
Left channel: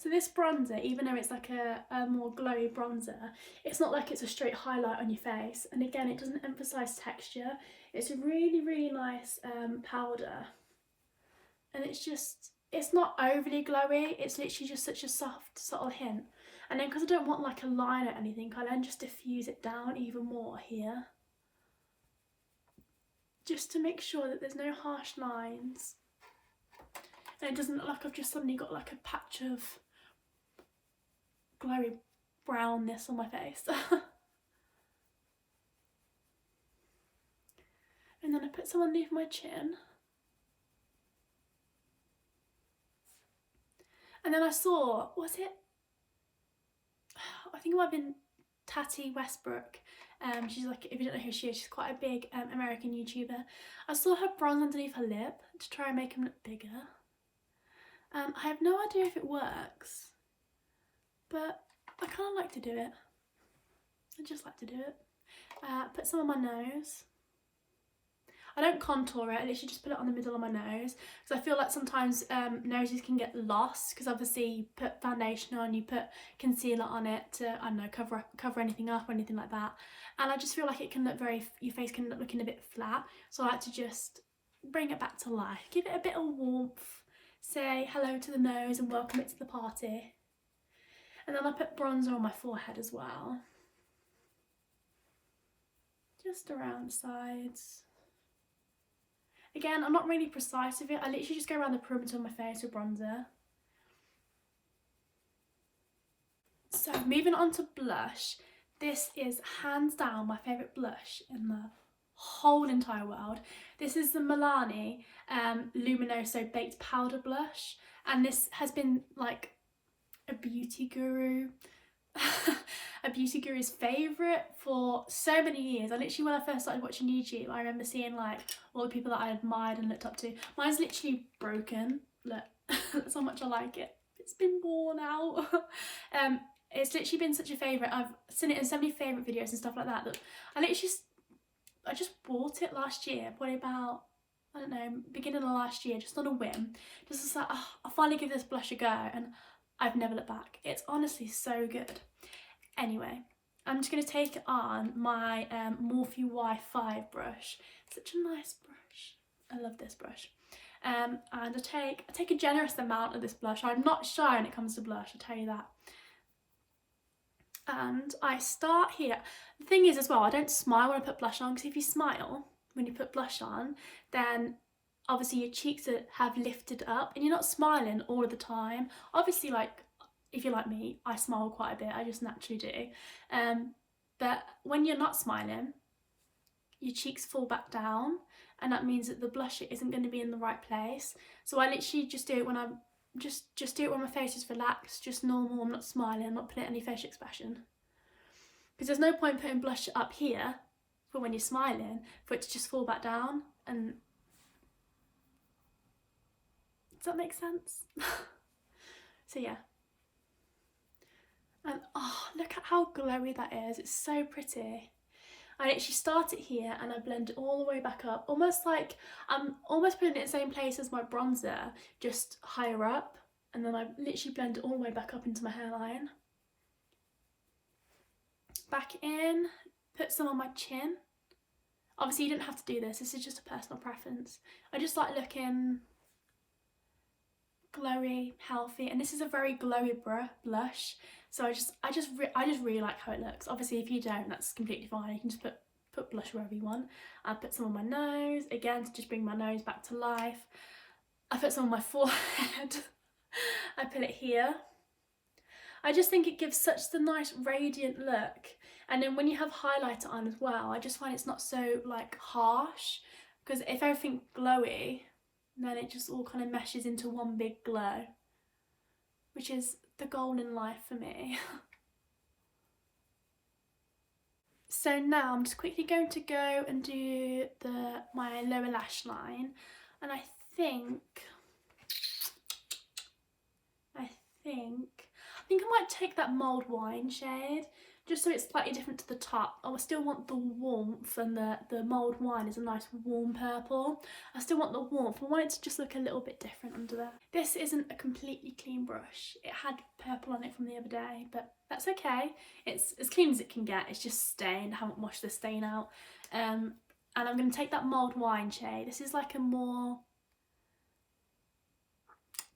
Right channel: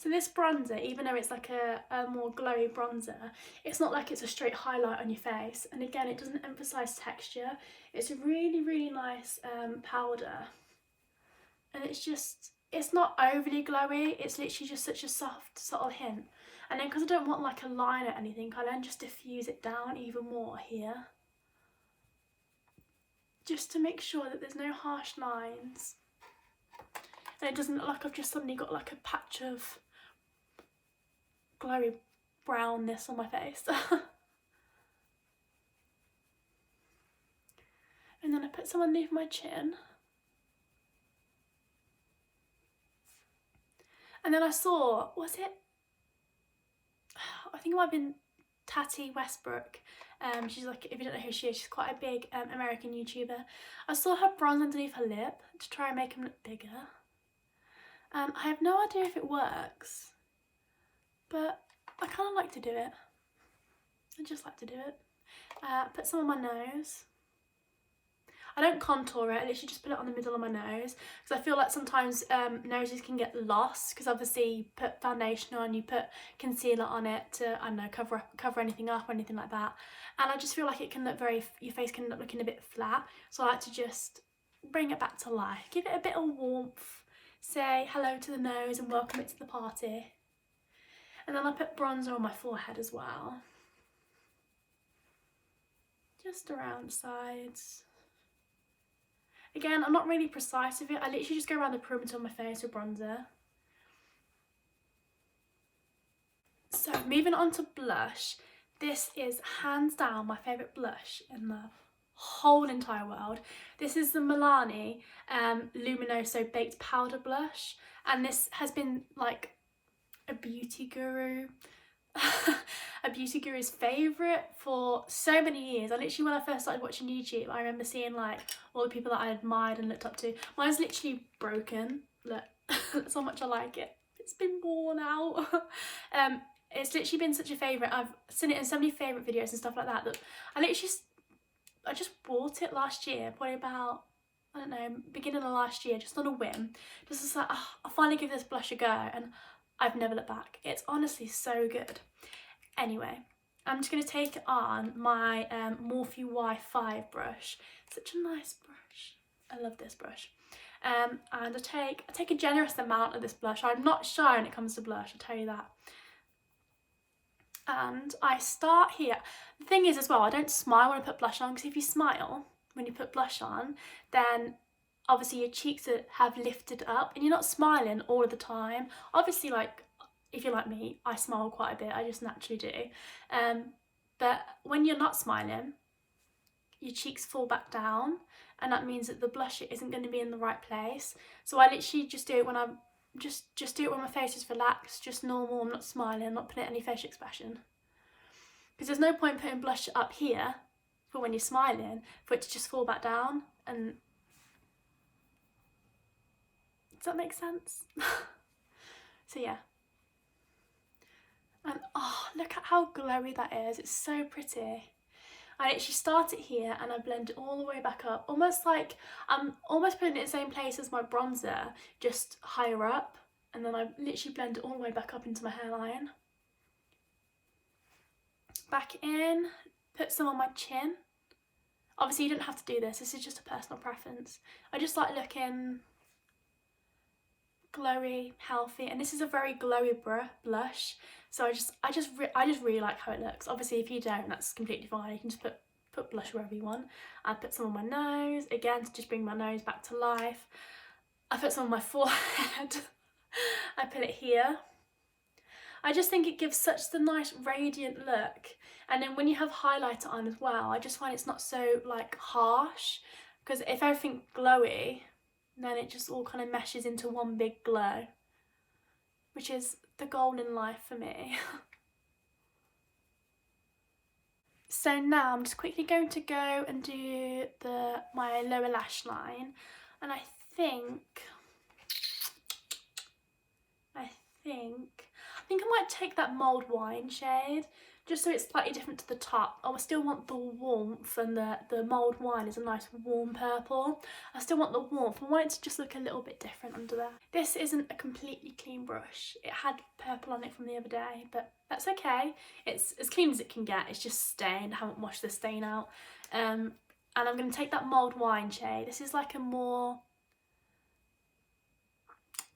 So this bronzer, even though it's like a more glowy bronzer, it's not like it's a straight highlight on your face. And again, it doesn't emphasise texture. It's a really, really nice powder. And it's not overly glowy. It's literally just such a soft, subtle hint. And then because I don't want like a line or anything, I then just diffuse it down even more here. Just to make sure that there's no harsh lines. And it doesn't look like I've just suddenly got like a patch of glowy brownness on my face. And then I put some underneath my chin. And then I saw, I think it might have been Tati Westbrook. She's like, if you don't know who she is, she's quite a big American YouTuber. I saw her bronze underneath her lip to try and make him look bigger. I have no idea if it works, but I kind of like to do it. I just like to do it. Put some on my nose. I don't contour it, I literally just put it on the middle of my nose, because I feel like sometimes noses can get lost, because obviously you put foundation on, you put concealer on it to, I don't know, cover anything up or anything like that, and I just feel like it can look your face can look looking a bit flat, so I like to just bring it back to life, give it a bit of warmth, say hello to the nose and welcome it to the party. And then I put bronzer on my forehead as well, just around the sides. Again, I'm not really precise with it, I literally just go around the perimeter of my face with bronzer. So moving on to blush, this is hands down my favourite blush in the whole entire world. This is the Milani Luminoso Baked Powder Blush, and this has been like a beauty guru's favourite for so many years. I literally, when I first started watching YouTube, I remember seeing like all the people that I admired and looked up to. Mine's literally broken, look, that's how much I like it. It's been worn out. It's literally been such a favourite. I've seen it in so many favourite videos and stuff like that, that I just bought it last year, probably about, I don't know, beginning of last year, just on a whim. Just like, oh, I'll finally give this blush a go, and I've never looked back. It's honestly so good. Anyway, I'm just going to take it on my Morphe Y5 brush. Such a nice brush. I love this brush. And I take a generous amount of this blush. I'm not shy when it comes to blush, I'll tell you that. And I start here. The thing is as well, I don't smile when I put blush on, because if you smile when you put blush on, then obviously your cheeks have lifted up and you're not smiling all of the time. Obviously, like, if you're like me, I smile quite a bit, I just naturally do. But when you're not smiling, your cheeks fall back down, and that means that the blush isn't going to be in the right place. So I literally just do it when I'm just do it when my face is relaxed, just normal. I'm not smiling, I'm not putting any facial expression, because there's no point putting blush up here for when you're smiling for it to just fall back down. And does that make sense? So yeah. And oh, look at how glowy that is, it's so pretty. I literally start it here and I blend it all the way back up, almost like I'm almost putting it in the same place as my bronzer, just higher up, and then I literally blend it all the way back up into my hairline. Back in, put some on my chin. Obviously you don't have to do this, this is just a personal preference. I just like looking glowy, healthy, and this is a very glowy blush. So I just really like how it looks. Obviously if you don't, that's completely fine, you can just put blush wherever you want. I put some on my nose, again to just bring my nose back to life. I put some on my forehead. I put it here. I just think it gives such the nice radiant look. And then when you have highlighter on as well, I just find it's not so like harsh, because if everything's glowy, then it just all kind of meshes into one big glow, which is the goal in life for me. So now I'm just quickly going to go and do my lower lash line, and I think I might take that mulled wine shade, just so it's slightly different to the top. I still want the warmth, and the mulled wine is a nice warm purple. I still want the warmth. I want it to just look a little bit different under there. This isn't a completely clean brush. It had purple on it from the other day, but that's okay. It's as clean as it can get. It's just stained. I haven't washed the stain out. And I'm going to take that mulled wine shade. This is like a more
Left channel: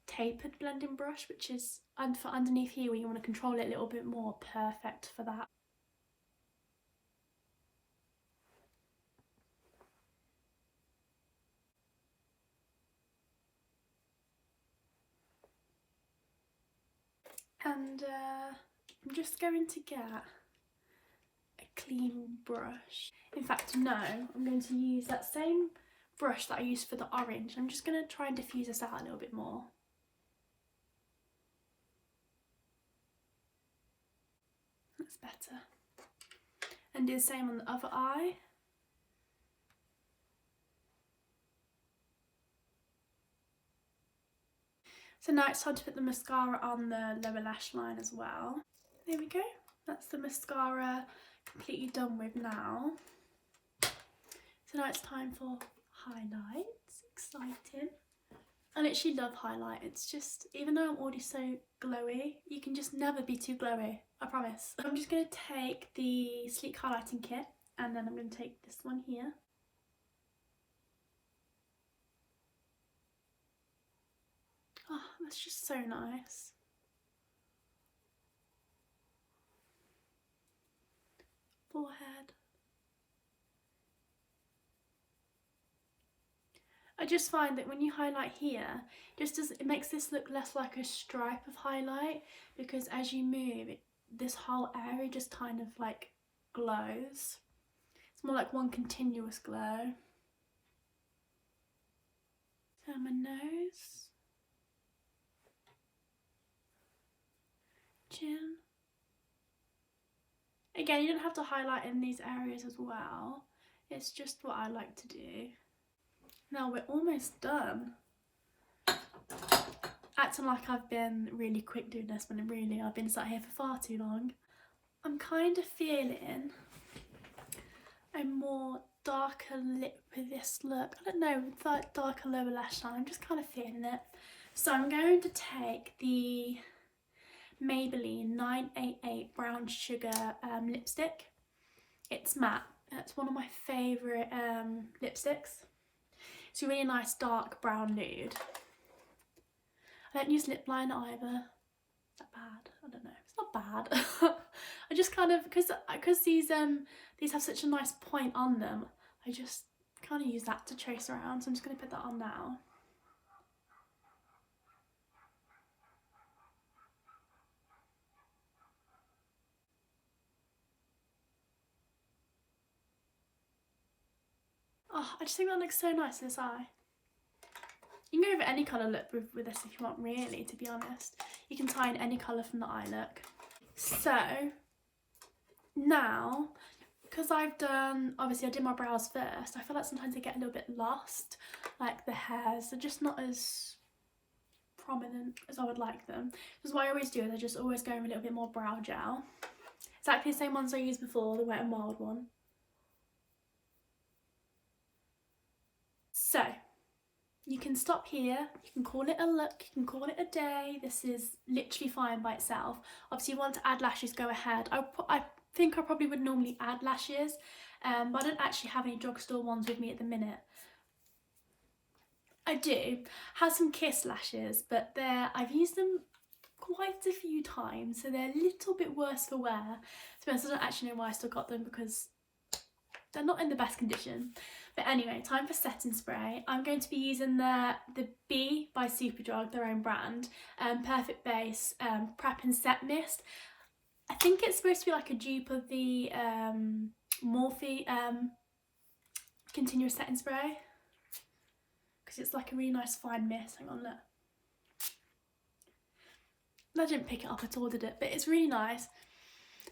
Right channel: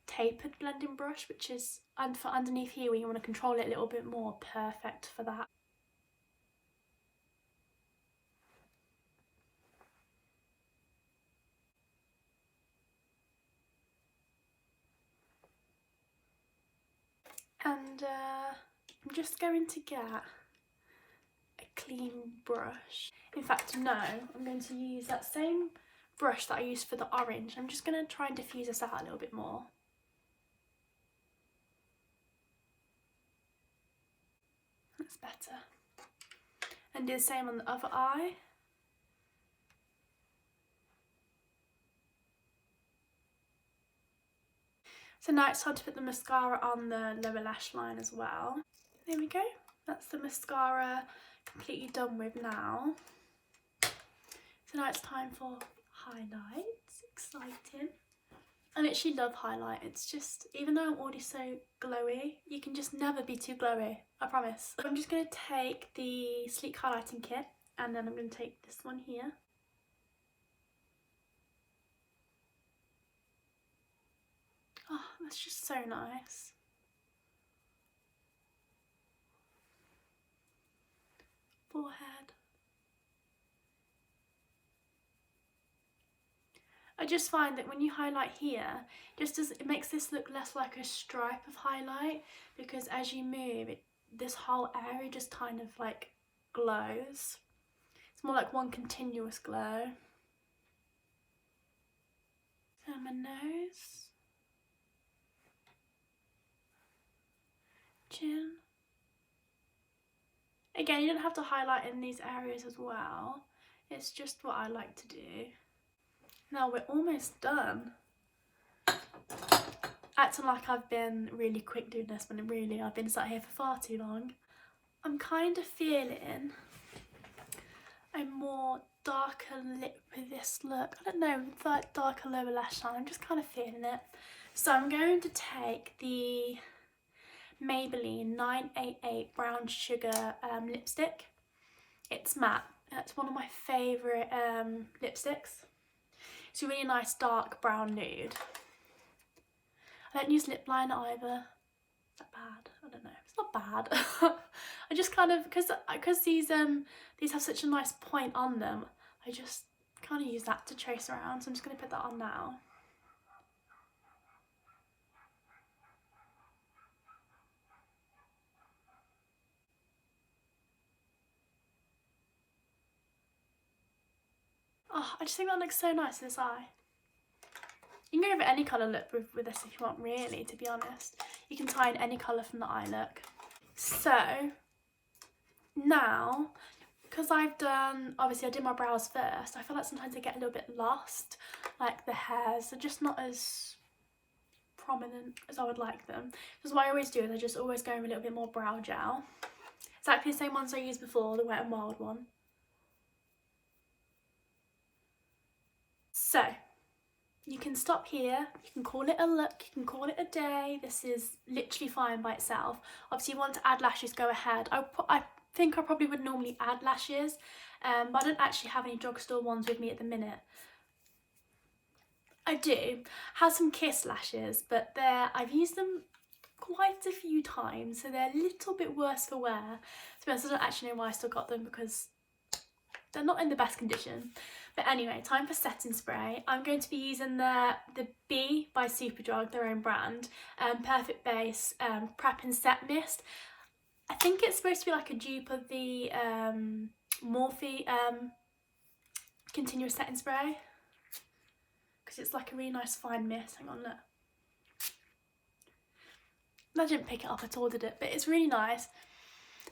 tapered blending brush, which is for underneath here when you want to control it a little bit more, perfect for that. And I'm just going to get a clean brush. In fact, no, I'm going to use that same brush that I used for the orange. I'm just going to try and diffuse this out a little bit more. That's better. And do the same on the other eye. So now it's time to put the mascara on the lower lash line as well. There we go. That's the mascara completely done with now. So now it's time for highlights. Exciting. I literally love highlight. It's just, even though I'm already so glowy, you can just never be too glowy, I promise. I'm just going to take the Sleek highlighting kit, and then I'm going to take this one here. Oh, that's just so nice. Forehead. I just find that when you highlight here, it makes this look less like a stripe of highlight, because as you move, this whole area just kind of like glows. It's more like one continuous glow. And my nose. Chin. Again, you don't have to highlight in these areas as well. It's just what I like to do. Now we're almost done. Acting like I've been really quick doing this, when really I've been sat here for far too long. I'm kind of feeling a more darker lip with this look. I don't know, like darker lower lash line. I'm just kind of feeling it. So I'm going to take the Maybelline 988 Brown Sugar lipstick. It's matte. That's one of my favourite lipsticks. It's a really nice dark brown nude. I don't use lip liner either. Is that bad? I don't know. It's not bad. I just kind of, because these have such a nice point on them, I just kind of use that to trace around. So I'm just going to put that on now. Oh, I just think that looks so nice in this eye. You can go over any colour look with this if you want, really, to be honest. You can tie in any colour from the eye look. So, now, because I've done, obviously I did my brows first, I feel like sometimes they get a little bit lost. Like the hairs are just not as prominent as I would like them. Because what I always do is I just always go over a little bit more brow gel. Exactly the same ones I used before, the Wet n Wild one. So, you can stop here, you can call it a look, you can call it a day. This is literally fine by itself. Obviously you want to add lashes, go ahead. I think I probably would normally add lashes, but I don't actually have any Drugstore ones with me at the minute. I do have some Kiss lashes, but I've used them quite a few times, so they're a little bit worse for wear. To be honest, I don't actually know why I still got them, because they're not in the best condition. But anyway, time for setting spray. I'm going to be using the B by Superdrug, their own brand, Perfect Base Prep and Set Mist. I think it's supposed to be like a dupe of the Morphe Continuous Setting Spray, because it's like a really nice fine mist. Hang on, look. I didn't pick it up at all, did it? But it's really nice.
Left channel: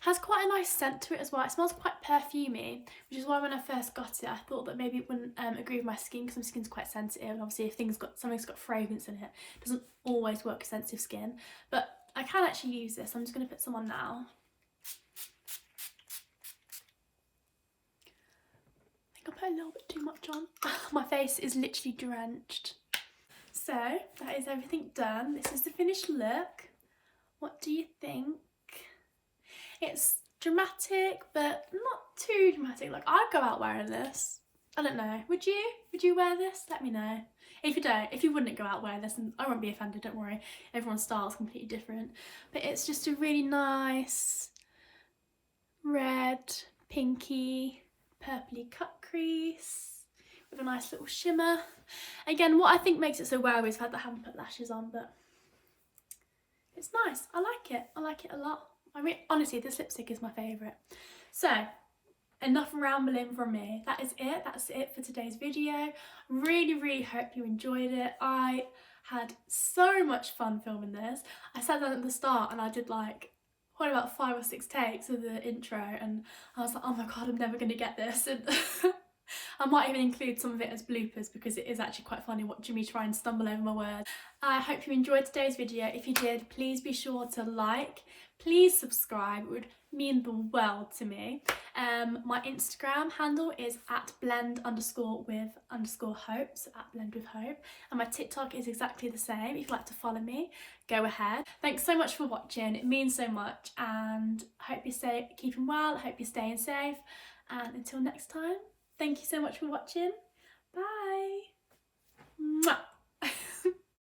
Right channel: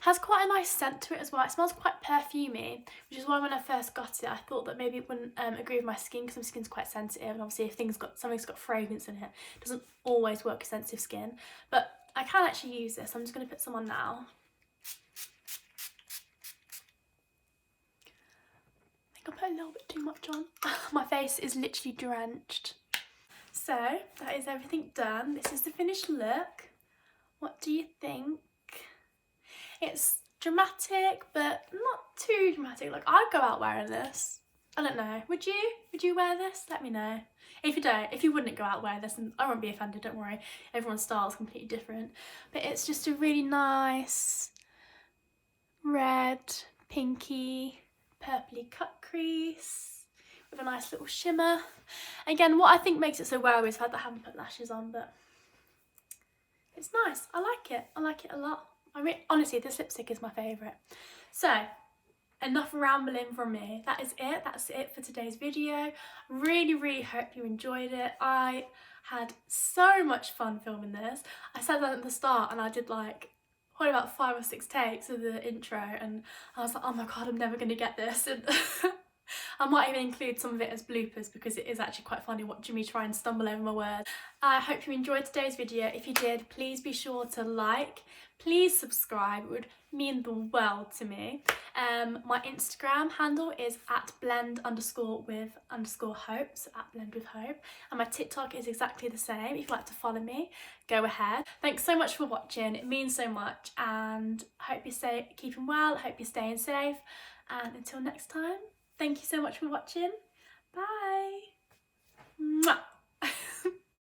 Has quite a nice scent to it as well. It smells quite perfumey, which is why when I first got it, I thought that maybe it wouldn't agree with my skin, because my skin's quite sensitive, and obviously if something's got fragrance in it, it doesn't always work with sensitive skin. But I can actually use this. I'm just going to put some on now. I think I put a little bit too much on. My face is literally drenched. So that is everything done. This is the finished look. What do you think? It's dramatic, but not too dramatic. Like, I'd go out wearing this. I don't know. Would you? Would you wear this? Let me know. If you don't, if you wouldn't go out wearing this, and I won't be offended, don't worry. Everyone's style is completely different. But it's just a really nice red, pinky, purpley cut crease with a nice little shimmer. Again, what I think makes it so well is the fact that I haven't put lashes on, but it's nice. I like it. I like it a lot. I mean, honestly, this lipstick is my favourite. So, enough rambling from me. That is it. That's it for today's video. Really hope you enjoyed it. I had so much fun filming this. I said that at the start, and I did like probably about 5 or 6 takes of the intro, and I was like, oh my god, I'm never going to get this. And I might even include some of it as bloopers because it is actually quite funny watching me try and stumble over my words. I hope you enjoyed today's video. If you did, please be sure to like, please subscribe, it would mean the world to me. My Instagram handle is @blend_with_hope, so @blendwithhope, and my TikTok is exactly the same. If you'd like to follow me, go ahead. Thanks so much for watching, it means so much, and I hope you're keeping well, I hope you're staying safe, and until next time, thank you so much for watching. Bye. Mwah.